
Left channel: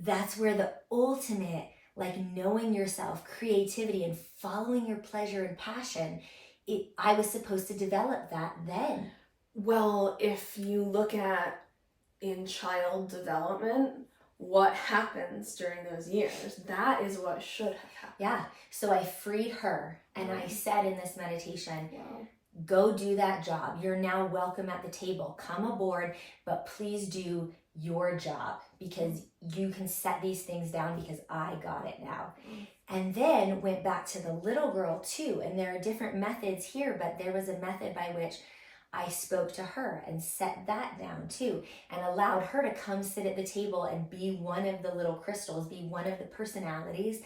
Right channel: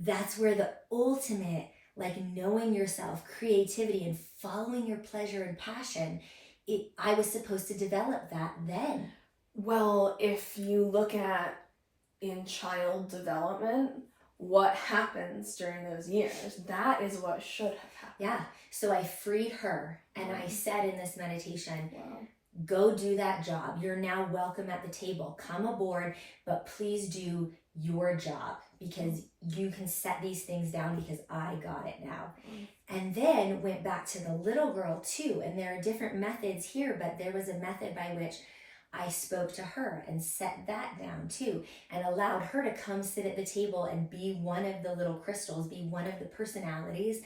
that's where the ultimate, like knowing yourself, creativity, and following your pleasure and passion, I was supposed to develop that then. Well, if you look at in child development, what happens during those years, that is what should have happened. Yeah. So I freed her, and I said in this meditation, Wow. Go do that job. You're now welcome at the table. Come aboard, but please do your job, because you can set these things down because I got it now. And then went back to the little girl too. And there are different methods here, but there was a method by which I spoke to her and set that down too, and allowed her to come sit at the table and be one of the little crystals, be one of the personalities,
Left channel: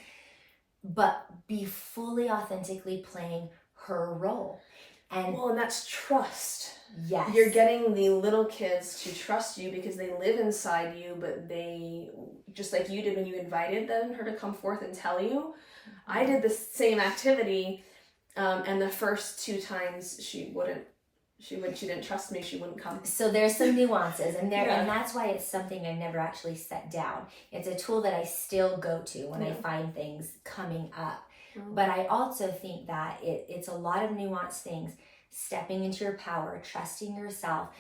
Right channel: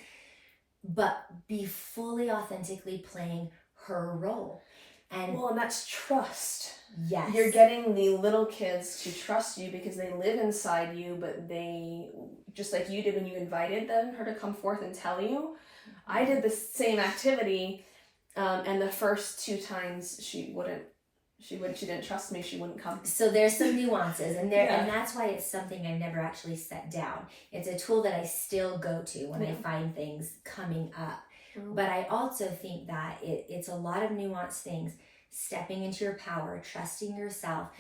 but be fully authentically playing her role. And that's trust. Yes. You're getting the little kids to trust you because they live inside you, but they, just like you did when you invited her to come forth and tell you, I did the same activity, and the first 2 times she didn't trust me, she wouldn't come. So there's some nuances, and that's why it's something I never actually set down. It's a tool that I still go to when I find things coming up. But I also think that it's a lot of nuanced things: stepping into your power, trusting yourself,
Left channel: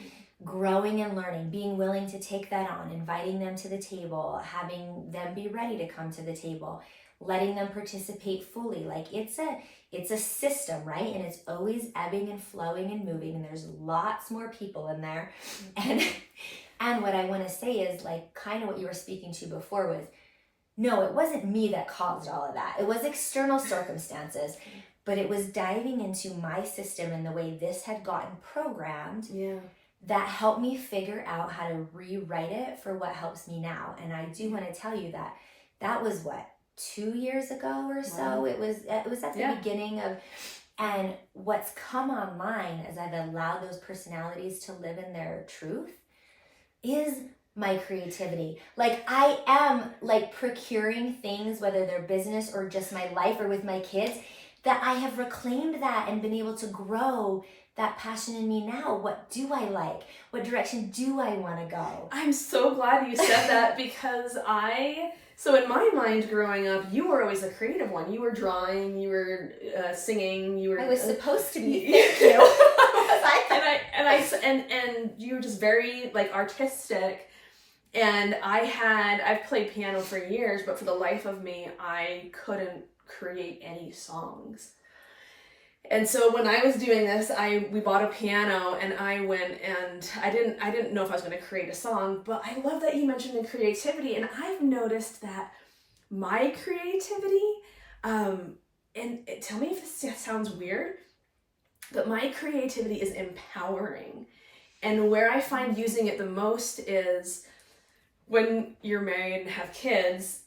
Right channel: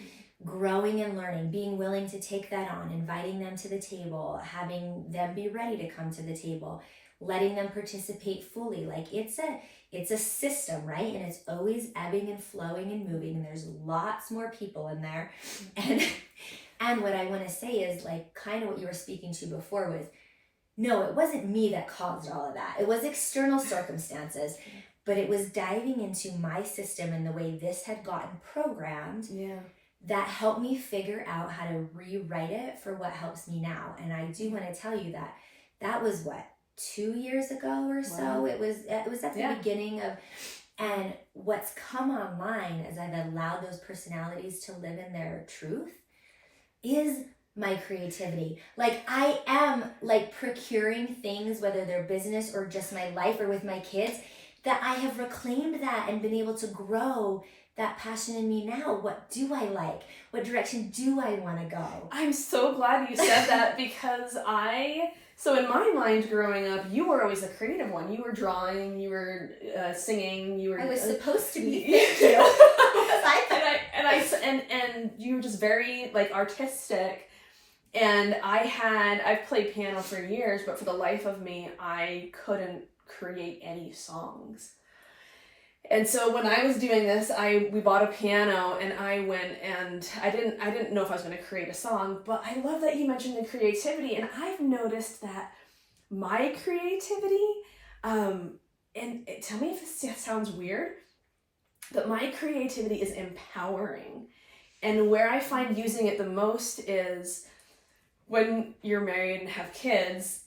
growing and learning, being willing to take that on, inviting them to the table, having them be ready to come to the table, letting them participate fully. Like it's a system, right? And it's always ebbing and flowing and moving, and there's lots more people in there. And what I want to say is, like, kind of what you were speaking to before was, no, it wasn't me that caused all of that. It was external circumstances, but it was diving into my system and the way this had gotten programmed that helped me figure out how to rewrite it for what helps me now. And I do want to tell you that was 2 years ago or so. Wow. It was at the beginning of, and what's come online as I've allowed those personalities to live in their truth is my creativity. Like, I am like procuring things, whether they're business or just my life or with my kids, that I have reclaimed that and been able to grow that passion in me now. What do I like? What direction do I want to go? I'm so glad you said that, because so in my mind growing up, you were always the creative one. You were drawing, you were singing, you were... I was supposed to be, thank you. And you were just very like artistic. And I've played piano for years, but for the life of me, I couldn't create any songs. And so when I was doing this, we bought a piano, and I went, and I didn't know if I was going to create a song, but I love that you mentioned the creativity. And I've noticed that my creativity, and tell me if this sounds weird, but my creativity is empowering. And where I find using it the most is when you're married and have kids,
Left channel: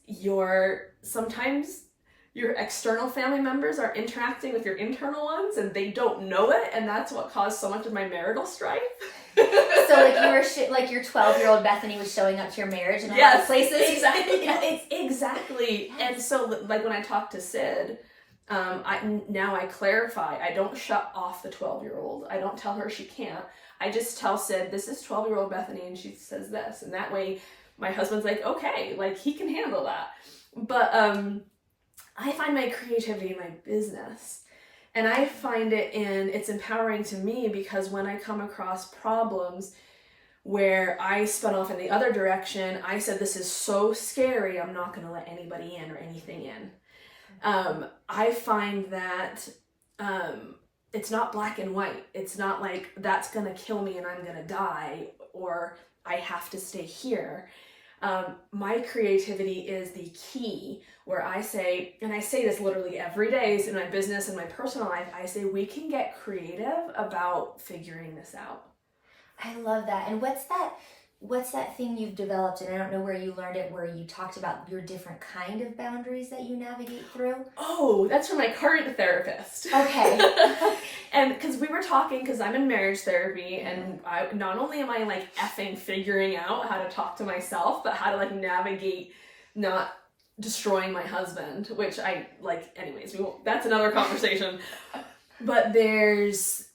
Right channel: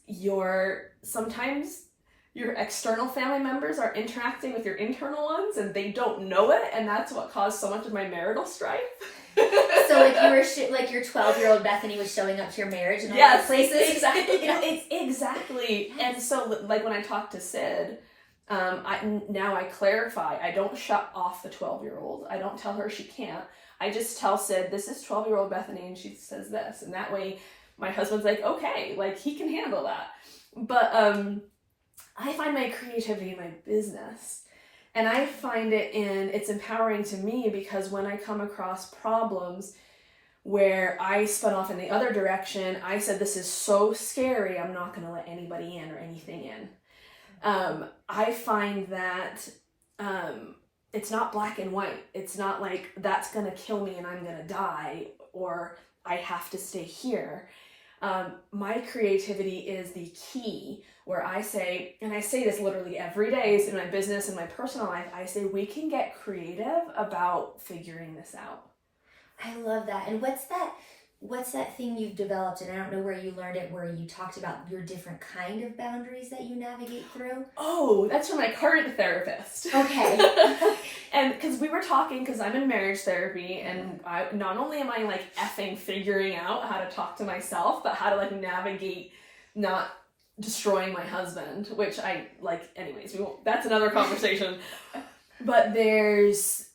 sometimes your external family members are interacting with your internal ones, and they don't know it, and that's what caused so much of my marital strife. So like you were like your 12-year-old Bethany was showing up to your marriage in a lot of places. Exactly. Exactly. Yes. And so like when I talk to Sid, I clarify. I don't shut off the 12-year-old. I don't tell her she can't. I just tell Sid, this is 12-year-old Bethany, and she says this, and that way my husband's like, okay, like he can handle that. But I find my creativity in my business, and I find it's empowering to me, because when I come across problems where I spun off in the other direction, I said, this is so scary, I'm not going to let anybody in or anything in. I find that it's not black and white. It's not like that's going to kill me and I'm going to die, or I have to stay here. My creativity is the key, where I say, and I say this literally every day in my business and my personal life, I say we can get creative about figuring this out. I love that. And what's that thing you've developed, and I don't know where you learned it, where you talked about your different kind of boundaries that you navigate through? Oh, that's from my current therapist. Okay. And because we were talking, because I'm in marriage therapy, and not only am I like effing figuring out how to talk to myself, but how to like navigate not destroying my husband, which I like, anyways, that's another conversation. But there's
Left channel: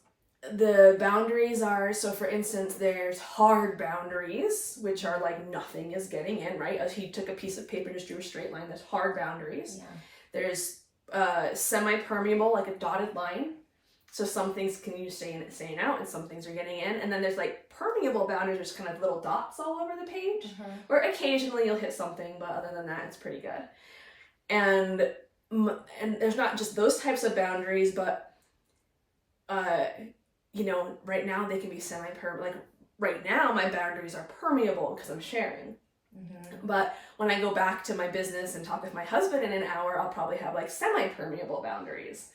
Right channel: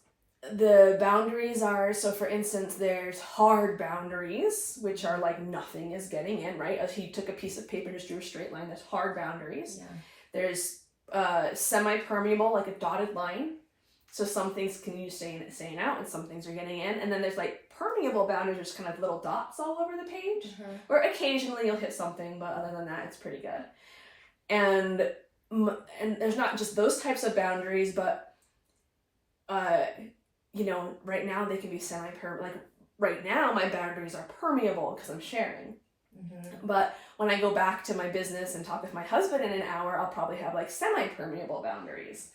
the boundaries are, so for instance, there's hard boundaries, which are like nothing is getting in, right? If he took a piece of paper and just drew a straight line, that's hard boundaries. Yeah. There's semi-permeable, like a dotted line. So some things can you staying out and some things are getting in. And then there's like permeable boundaries, which kind of little dots all over the page, where occasionally you'll hit something, but other than that, it's pretty good. And there's not just those types of boundaries, but you know, right now they can be like right now my boundaries are permeable because I'm sharing. But when I go back to my business and talk with my husband in an hour, I'll probably have like semi-permeable boundaries.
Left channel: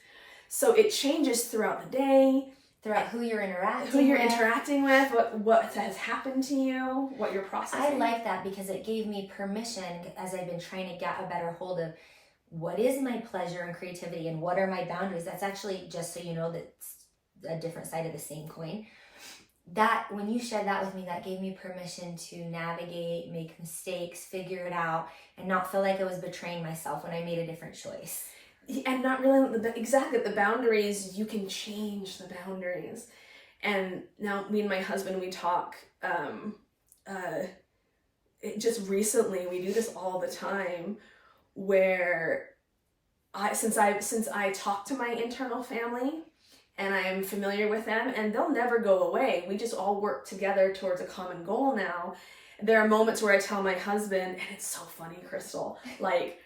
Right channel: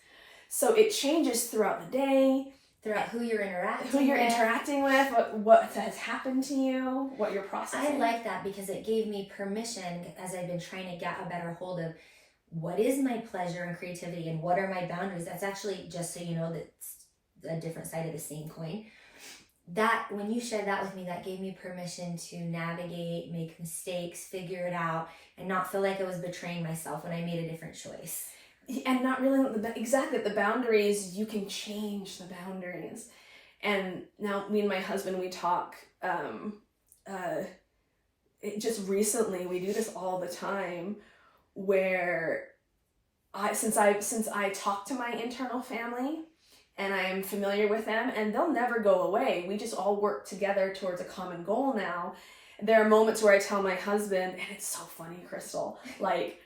So it changes throughout the day. Throughout who you're interacting with, what has happened to you, what you're processing. I like that because it gave me permission as I've been trying to get a better hold of what is my pleasure and creativity and what are my boundaries. That's actually, just so you know, that's a different side of the same coin. That when you shared that with me, that gave me permission to navigate, make mistakes, figure it out, and not feel like I was betraying myself when I made a different choice. And not really exactly the boundaries, you can change the boundaries. And now me and my husband, we talk just recently, we do this all the time, where since I talk to my internal family and I am familiar with them and they'll never go away, we just all work together towards a common goal now. There are moments where I tell my husband, and it's so funny, Crystal, like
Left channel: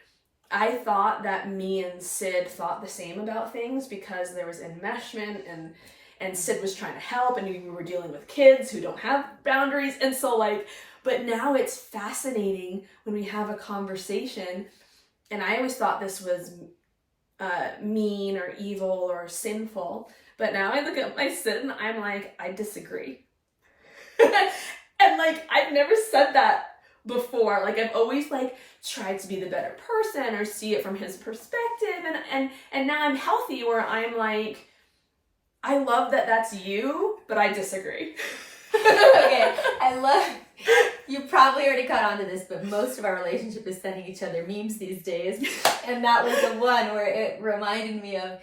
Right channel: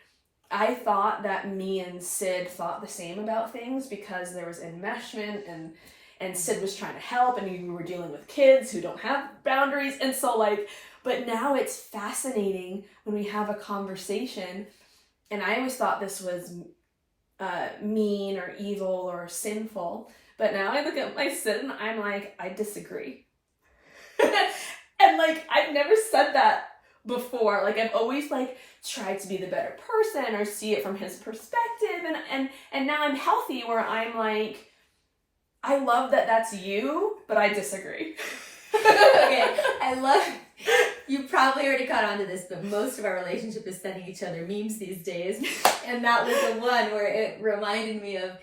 I thought that me and Sid thought the same about things because there was enmeshment and Sid was trying to help and we were dealing with kids who don't have boundaries. And so like, but now it's fascinating when we have a conversation, and I always thought this was mean or evil or sinful, but now I look at my Sid and I'm like, I disagree. And like, I've never said that before. Like I've always like tried to be the better person or see it from his perspective, and now I'm healthy where I'm like, I love that that's you, but I disagree. Okay, I love, you probably already caught on to this, but most of our relationship is sending each other memes these days, and that was the one where it reminded me of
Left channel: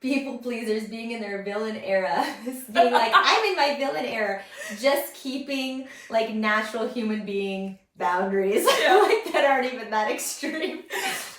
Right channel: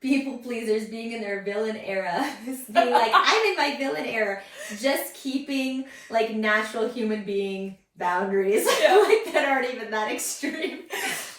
people pleasers being in their villain era, being like, I'm in my villain era, just keeping like natural human being boundaries, like that aren't even that extreme.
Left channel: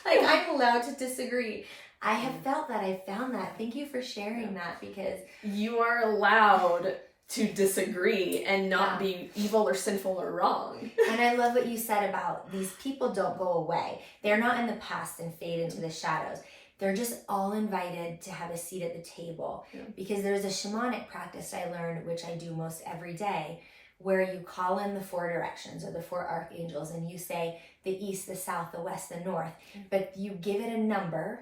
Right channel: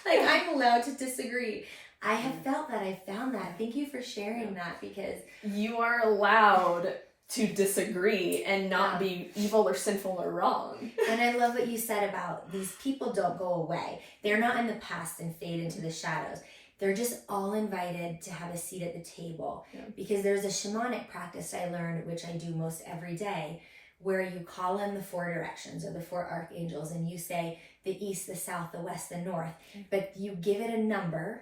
Like I'm allowed to disagree. I have felt that. I found that. Thank you for sharing that, because you are allowed to disagree and not be evil or sinful or wrong. And I love what you said about these people don't go away. They're not in the past and fade into the shadows. They're just all invited to have a seat at the table, because there's a shamanic practice I learned, which I do most every day, where you call in the 4 directions or the 4 archangels and you say the east, the south, the west, the north, but you give it a number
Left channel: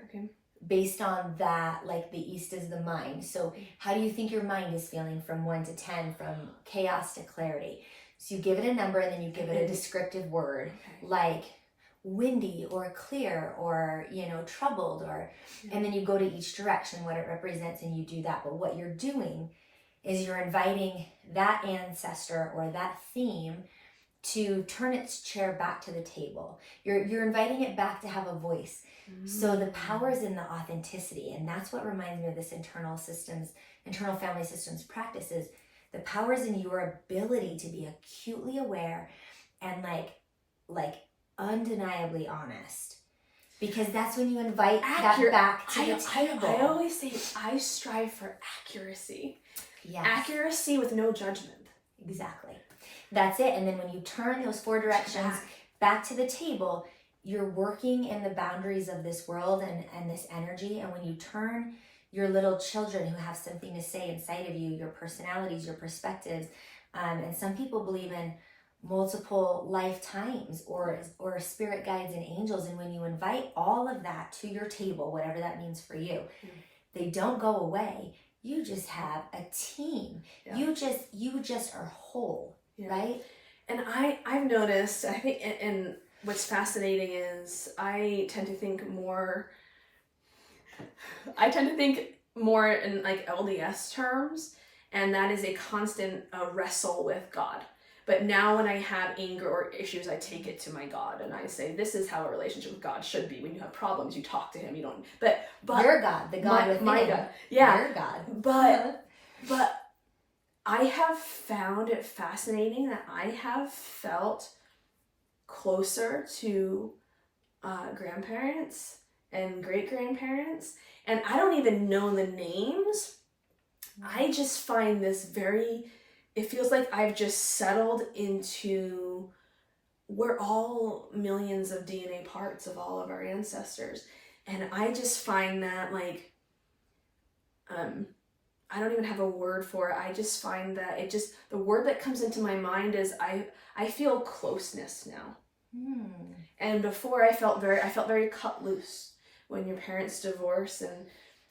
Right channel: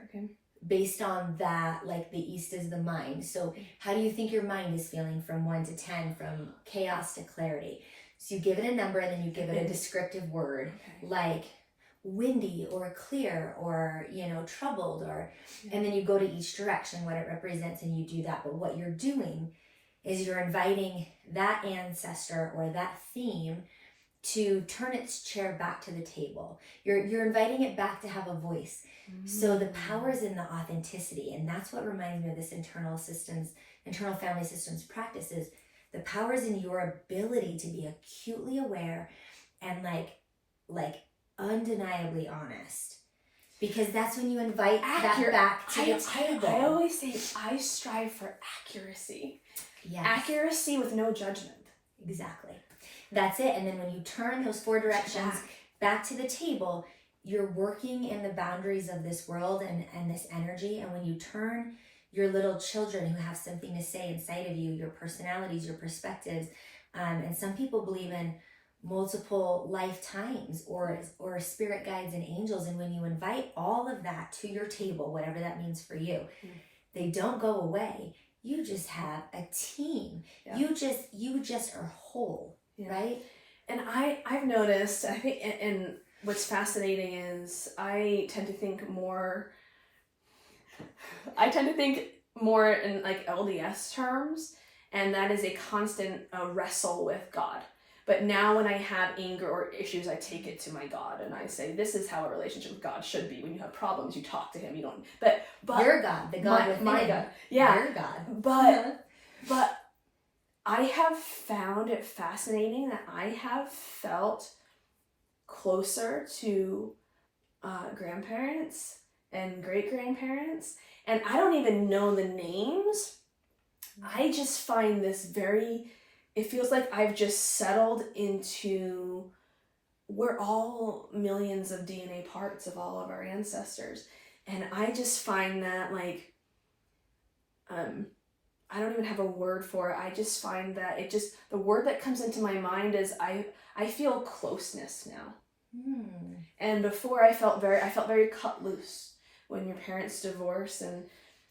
based on that. Like the east is the mind. So how do you think your mind is feeling from 1 to 10, from chaos to clarity? So you give it a number and then you give it a descriptive word, like windy or clear or, you know, troubled, or, and then you go to each direction, what it represents, and you do that. But what you're doing is you're inviting that ancestor or that theme to turn its chair back to the table. You're inviting it back to have a voice. So the power is in the authenticity, and that's what reminds me of this internal family systems practices. The power is in your ability to be acutely aware and like undeniably honest, because that's when you invite that back to the table. I always say I strive for accuracy. Yes. Accuracy with no judgment. Exactly. That's it. And then when you turn those 4 directions back to the table, you're working in the boundaries of this world and this energy. And when you turn your little children who have something to say inside of you, your personalities, your perspectives, and some people believe in multiple lifetimes or spirit guides and angels. And when you invite all of that to your table, whatever that means for you, they don't go away. You just have a team. You just are whole, right? And I've noticed, I think, and what's fascinating is I tend to think more in like LDS terms, and that is a constant wrestle with God. But now when I have anger or issues, I take it to my God and I say, this is how a relationship with God should be. When you have problems, you talk to him. You don't, but your God, the God within. My God. Yeah. Your God. But I have found it fascinating that I have felt closer to grandparents and great-grandparents, and I don't even know the names. I just find this it feels like I've just settled into, we're all millions of DNA parts of all of our ancestors. And I just find that like, I don't even have a word for it. I just find that the word that comes into my mind is I feel closeness now. And before I felt very cut loose. When your parents divorce and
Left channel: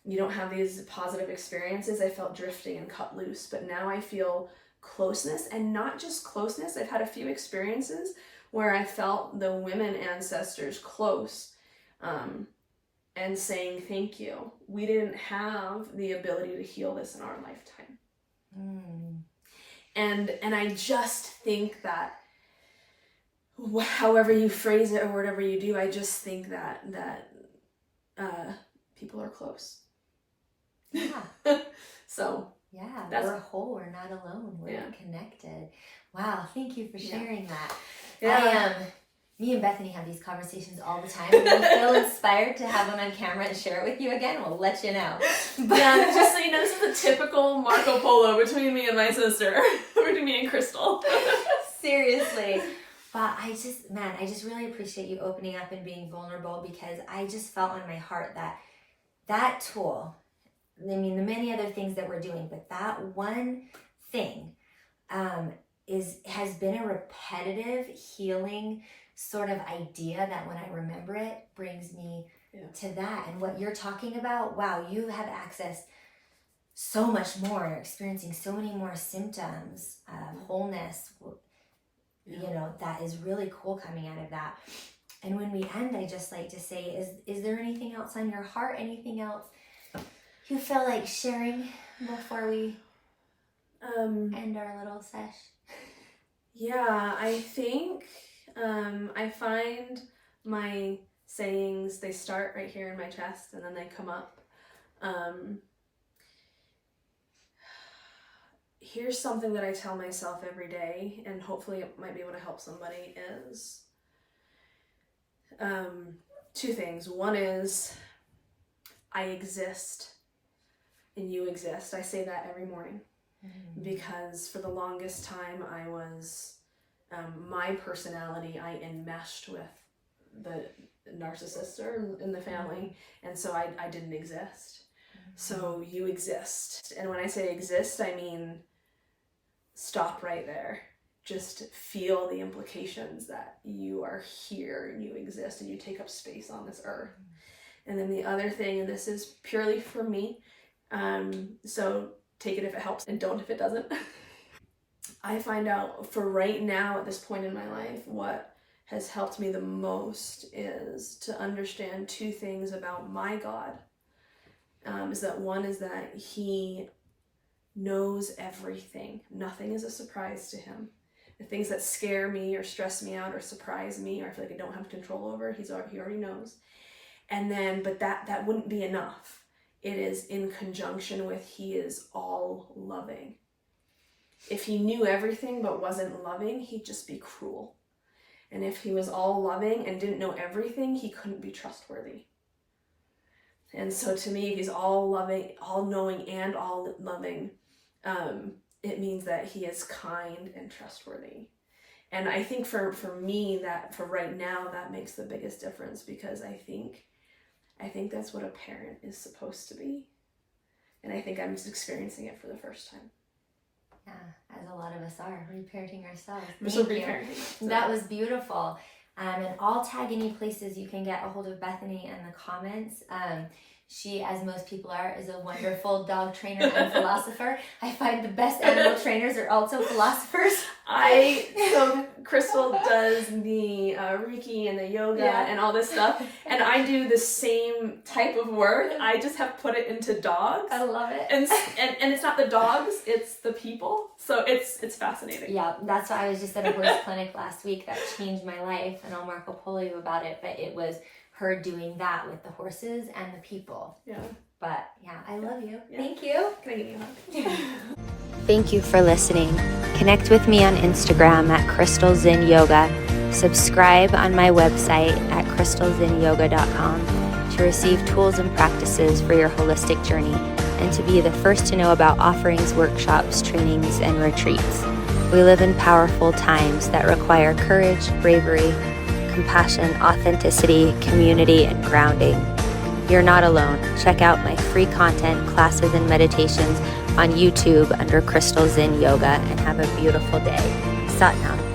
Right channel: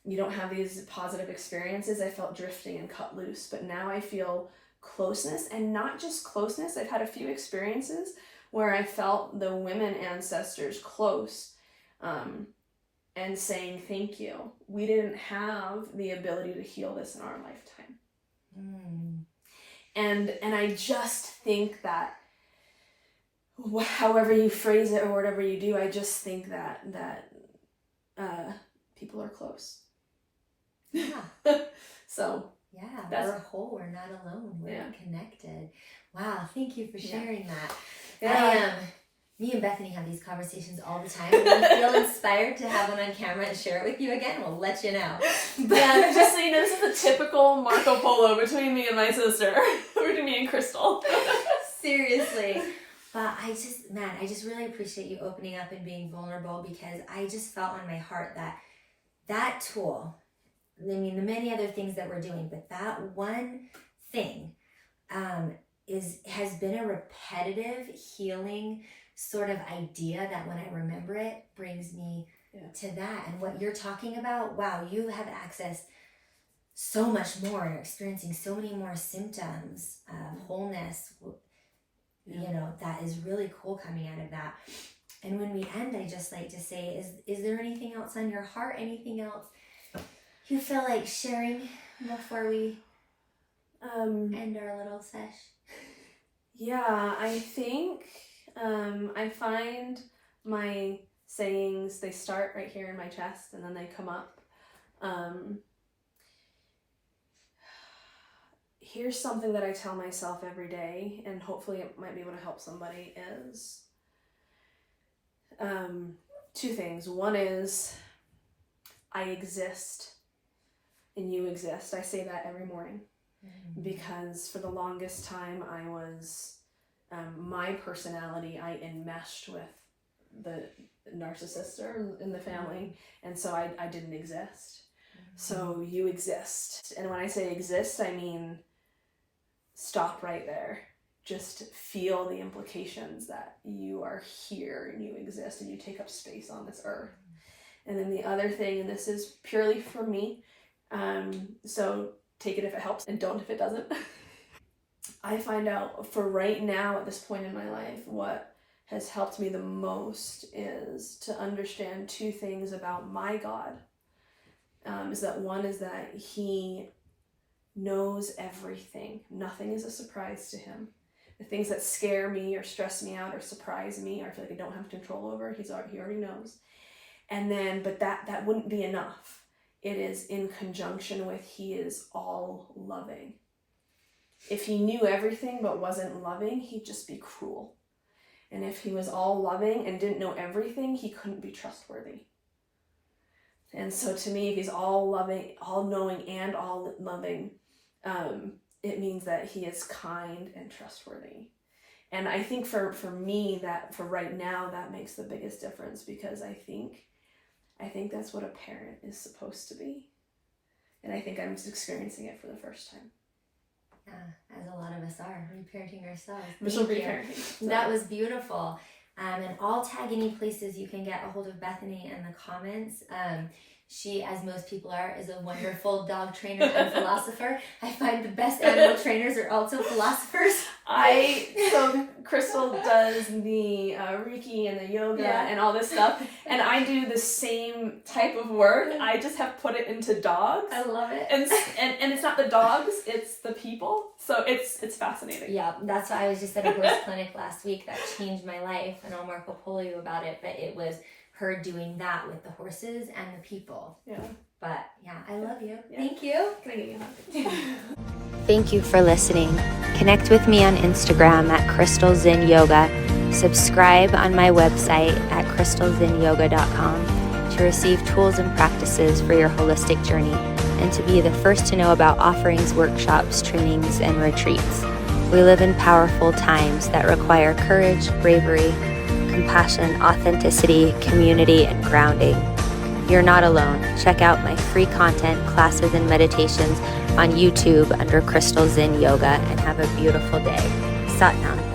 you don't have these positive experiences, I felt drifting and cut loose. But now I feel closeness, and not just closeness. I've had a few experiences where I felt the women ancestors close, and saying thank you. We didn't have the ability to heal this in our lifetime. And I just think that however you phrase it or whatever you do, I just think that people are close. Yeah. So yeah, we're whole. We're not alone. We're connected. Wow, thank you for sharing that. Yeah. Me and Bethany have these conversations all the time. When we feel inspired to have one on camera and share it with you again, we'll let you know. But just so you know, this is a typical Marco Polo between me and my sister, between me and Crystal. Seriously. But I just really appreciate you opening up and being vulnerable, because I just felt in my heart that tool, I mean, the many other things that we're doing, but that one thing has been a repetitive healing sort of idea that when I remember it brings me to that. And what you're talking about, wow, you have accessed so much more, experiencing so many more symptoms of wholeness. You know, that is really cool coming out of that. And when we end, I just like to say, is there anything else on your heart? Anything else you feel like sharing before we end our little sesh? Yeah, I think I find my sayings, they start right here in my chest and then they come up. Here's something that I tell myself every day, and hopefully it might be able to help somebody, is two things. One is, I exist and you exist. I say that every morning because for the longest time I was, my personality, I enmeshed with the narcissist in the family, and so I didn't exist. So you exist. And when I say exist, I mean stop right there. Just feel the implications that you are here and you exist and you take up space on this earth. And then the other thing, and this is purely for me, so take it if it helps and don't if it doesn't. I find out for right now at this point in my life, what has helped me the most is to understand two things about my God. Is that one is that he knows everything. Nothing is a surprise to him. The things that scare me or stress me out or surprise me or I feel like I don't have control over, he already knows. And then, but that wouldn't be enough. It is in conjunction with he is all loving. If he knew everything but wasn't loving, he'd just be cruel. And if he was all loving and didn't know everything, he couldn't be trustworthy. And so to me, if he's all loving, all knowing, and all loving, it means that he is kind and trustworthy. And I think for me, that for right now, that makes the biggest difference, because I think that's what a parent is supposed to be. And I think I'm just experiencing it for the first time. Yeah, as a lot of us are, reparenting ourselves. So. That was beautiful. And I'll tag any places you can get a hold of Bethany in the comments. She, as most people are, is a wonderful dog trainer and philosopher. I find the best animal trainers are also philosophers. So Crystal does the Reiki and the yoga and all this stuff, and I do the same type of work. I just have put it into dogs. I love it. And it's not the dogs, it's the people. So it's fascinating. Yeah, that's why I was just at a horse clinic last week that changed my life, and I'll Marco Polo you about it, but it was her doing that with the horses and the people. Yeah. But yeah, I love you. Yeah. Thank you. Can I give you a hug? Thank you for listening. Connect with me on Instagram at Crystal Zen Yoga. Subscribe on my website at crystalzenyoga.com to receive tools and practices for your holistic journey and to be the first to know about offerings, workshops, trainings, and retreats. We live in powerful times that require courage, bravery, compassion, authenticity, community, and grounding. You're not alone. Check out my free content, classes, and meditations on YouTube under Crystal Zen Yoga, and have a beautiful day. Sat Nam.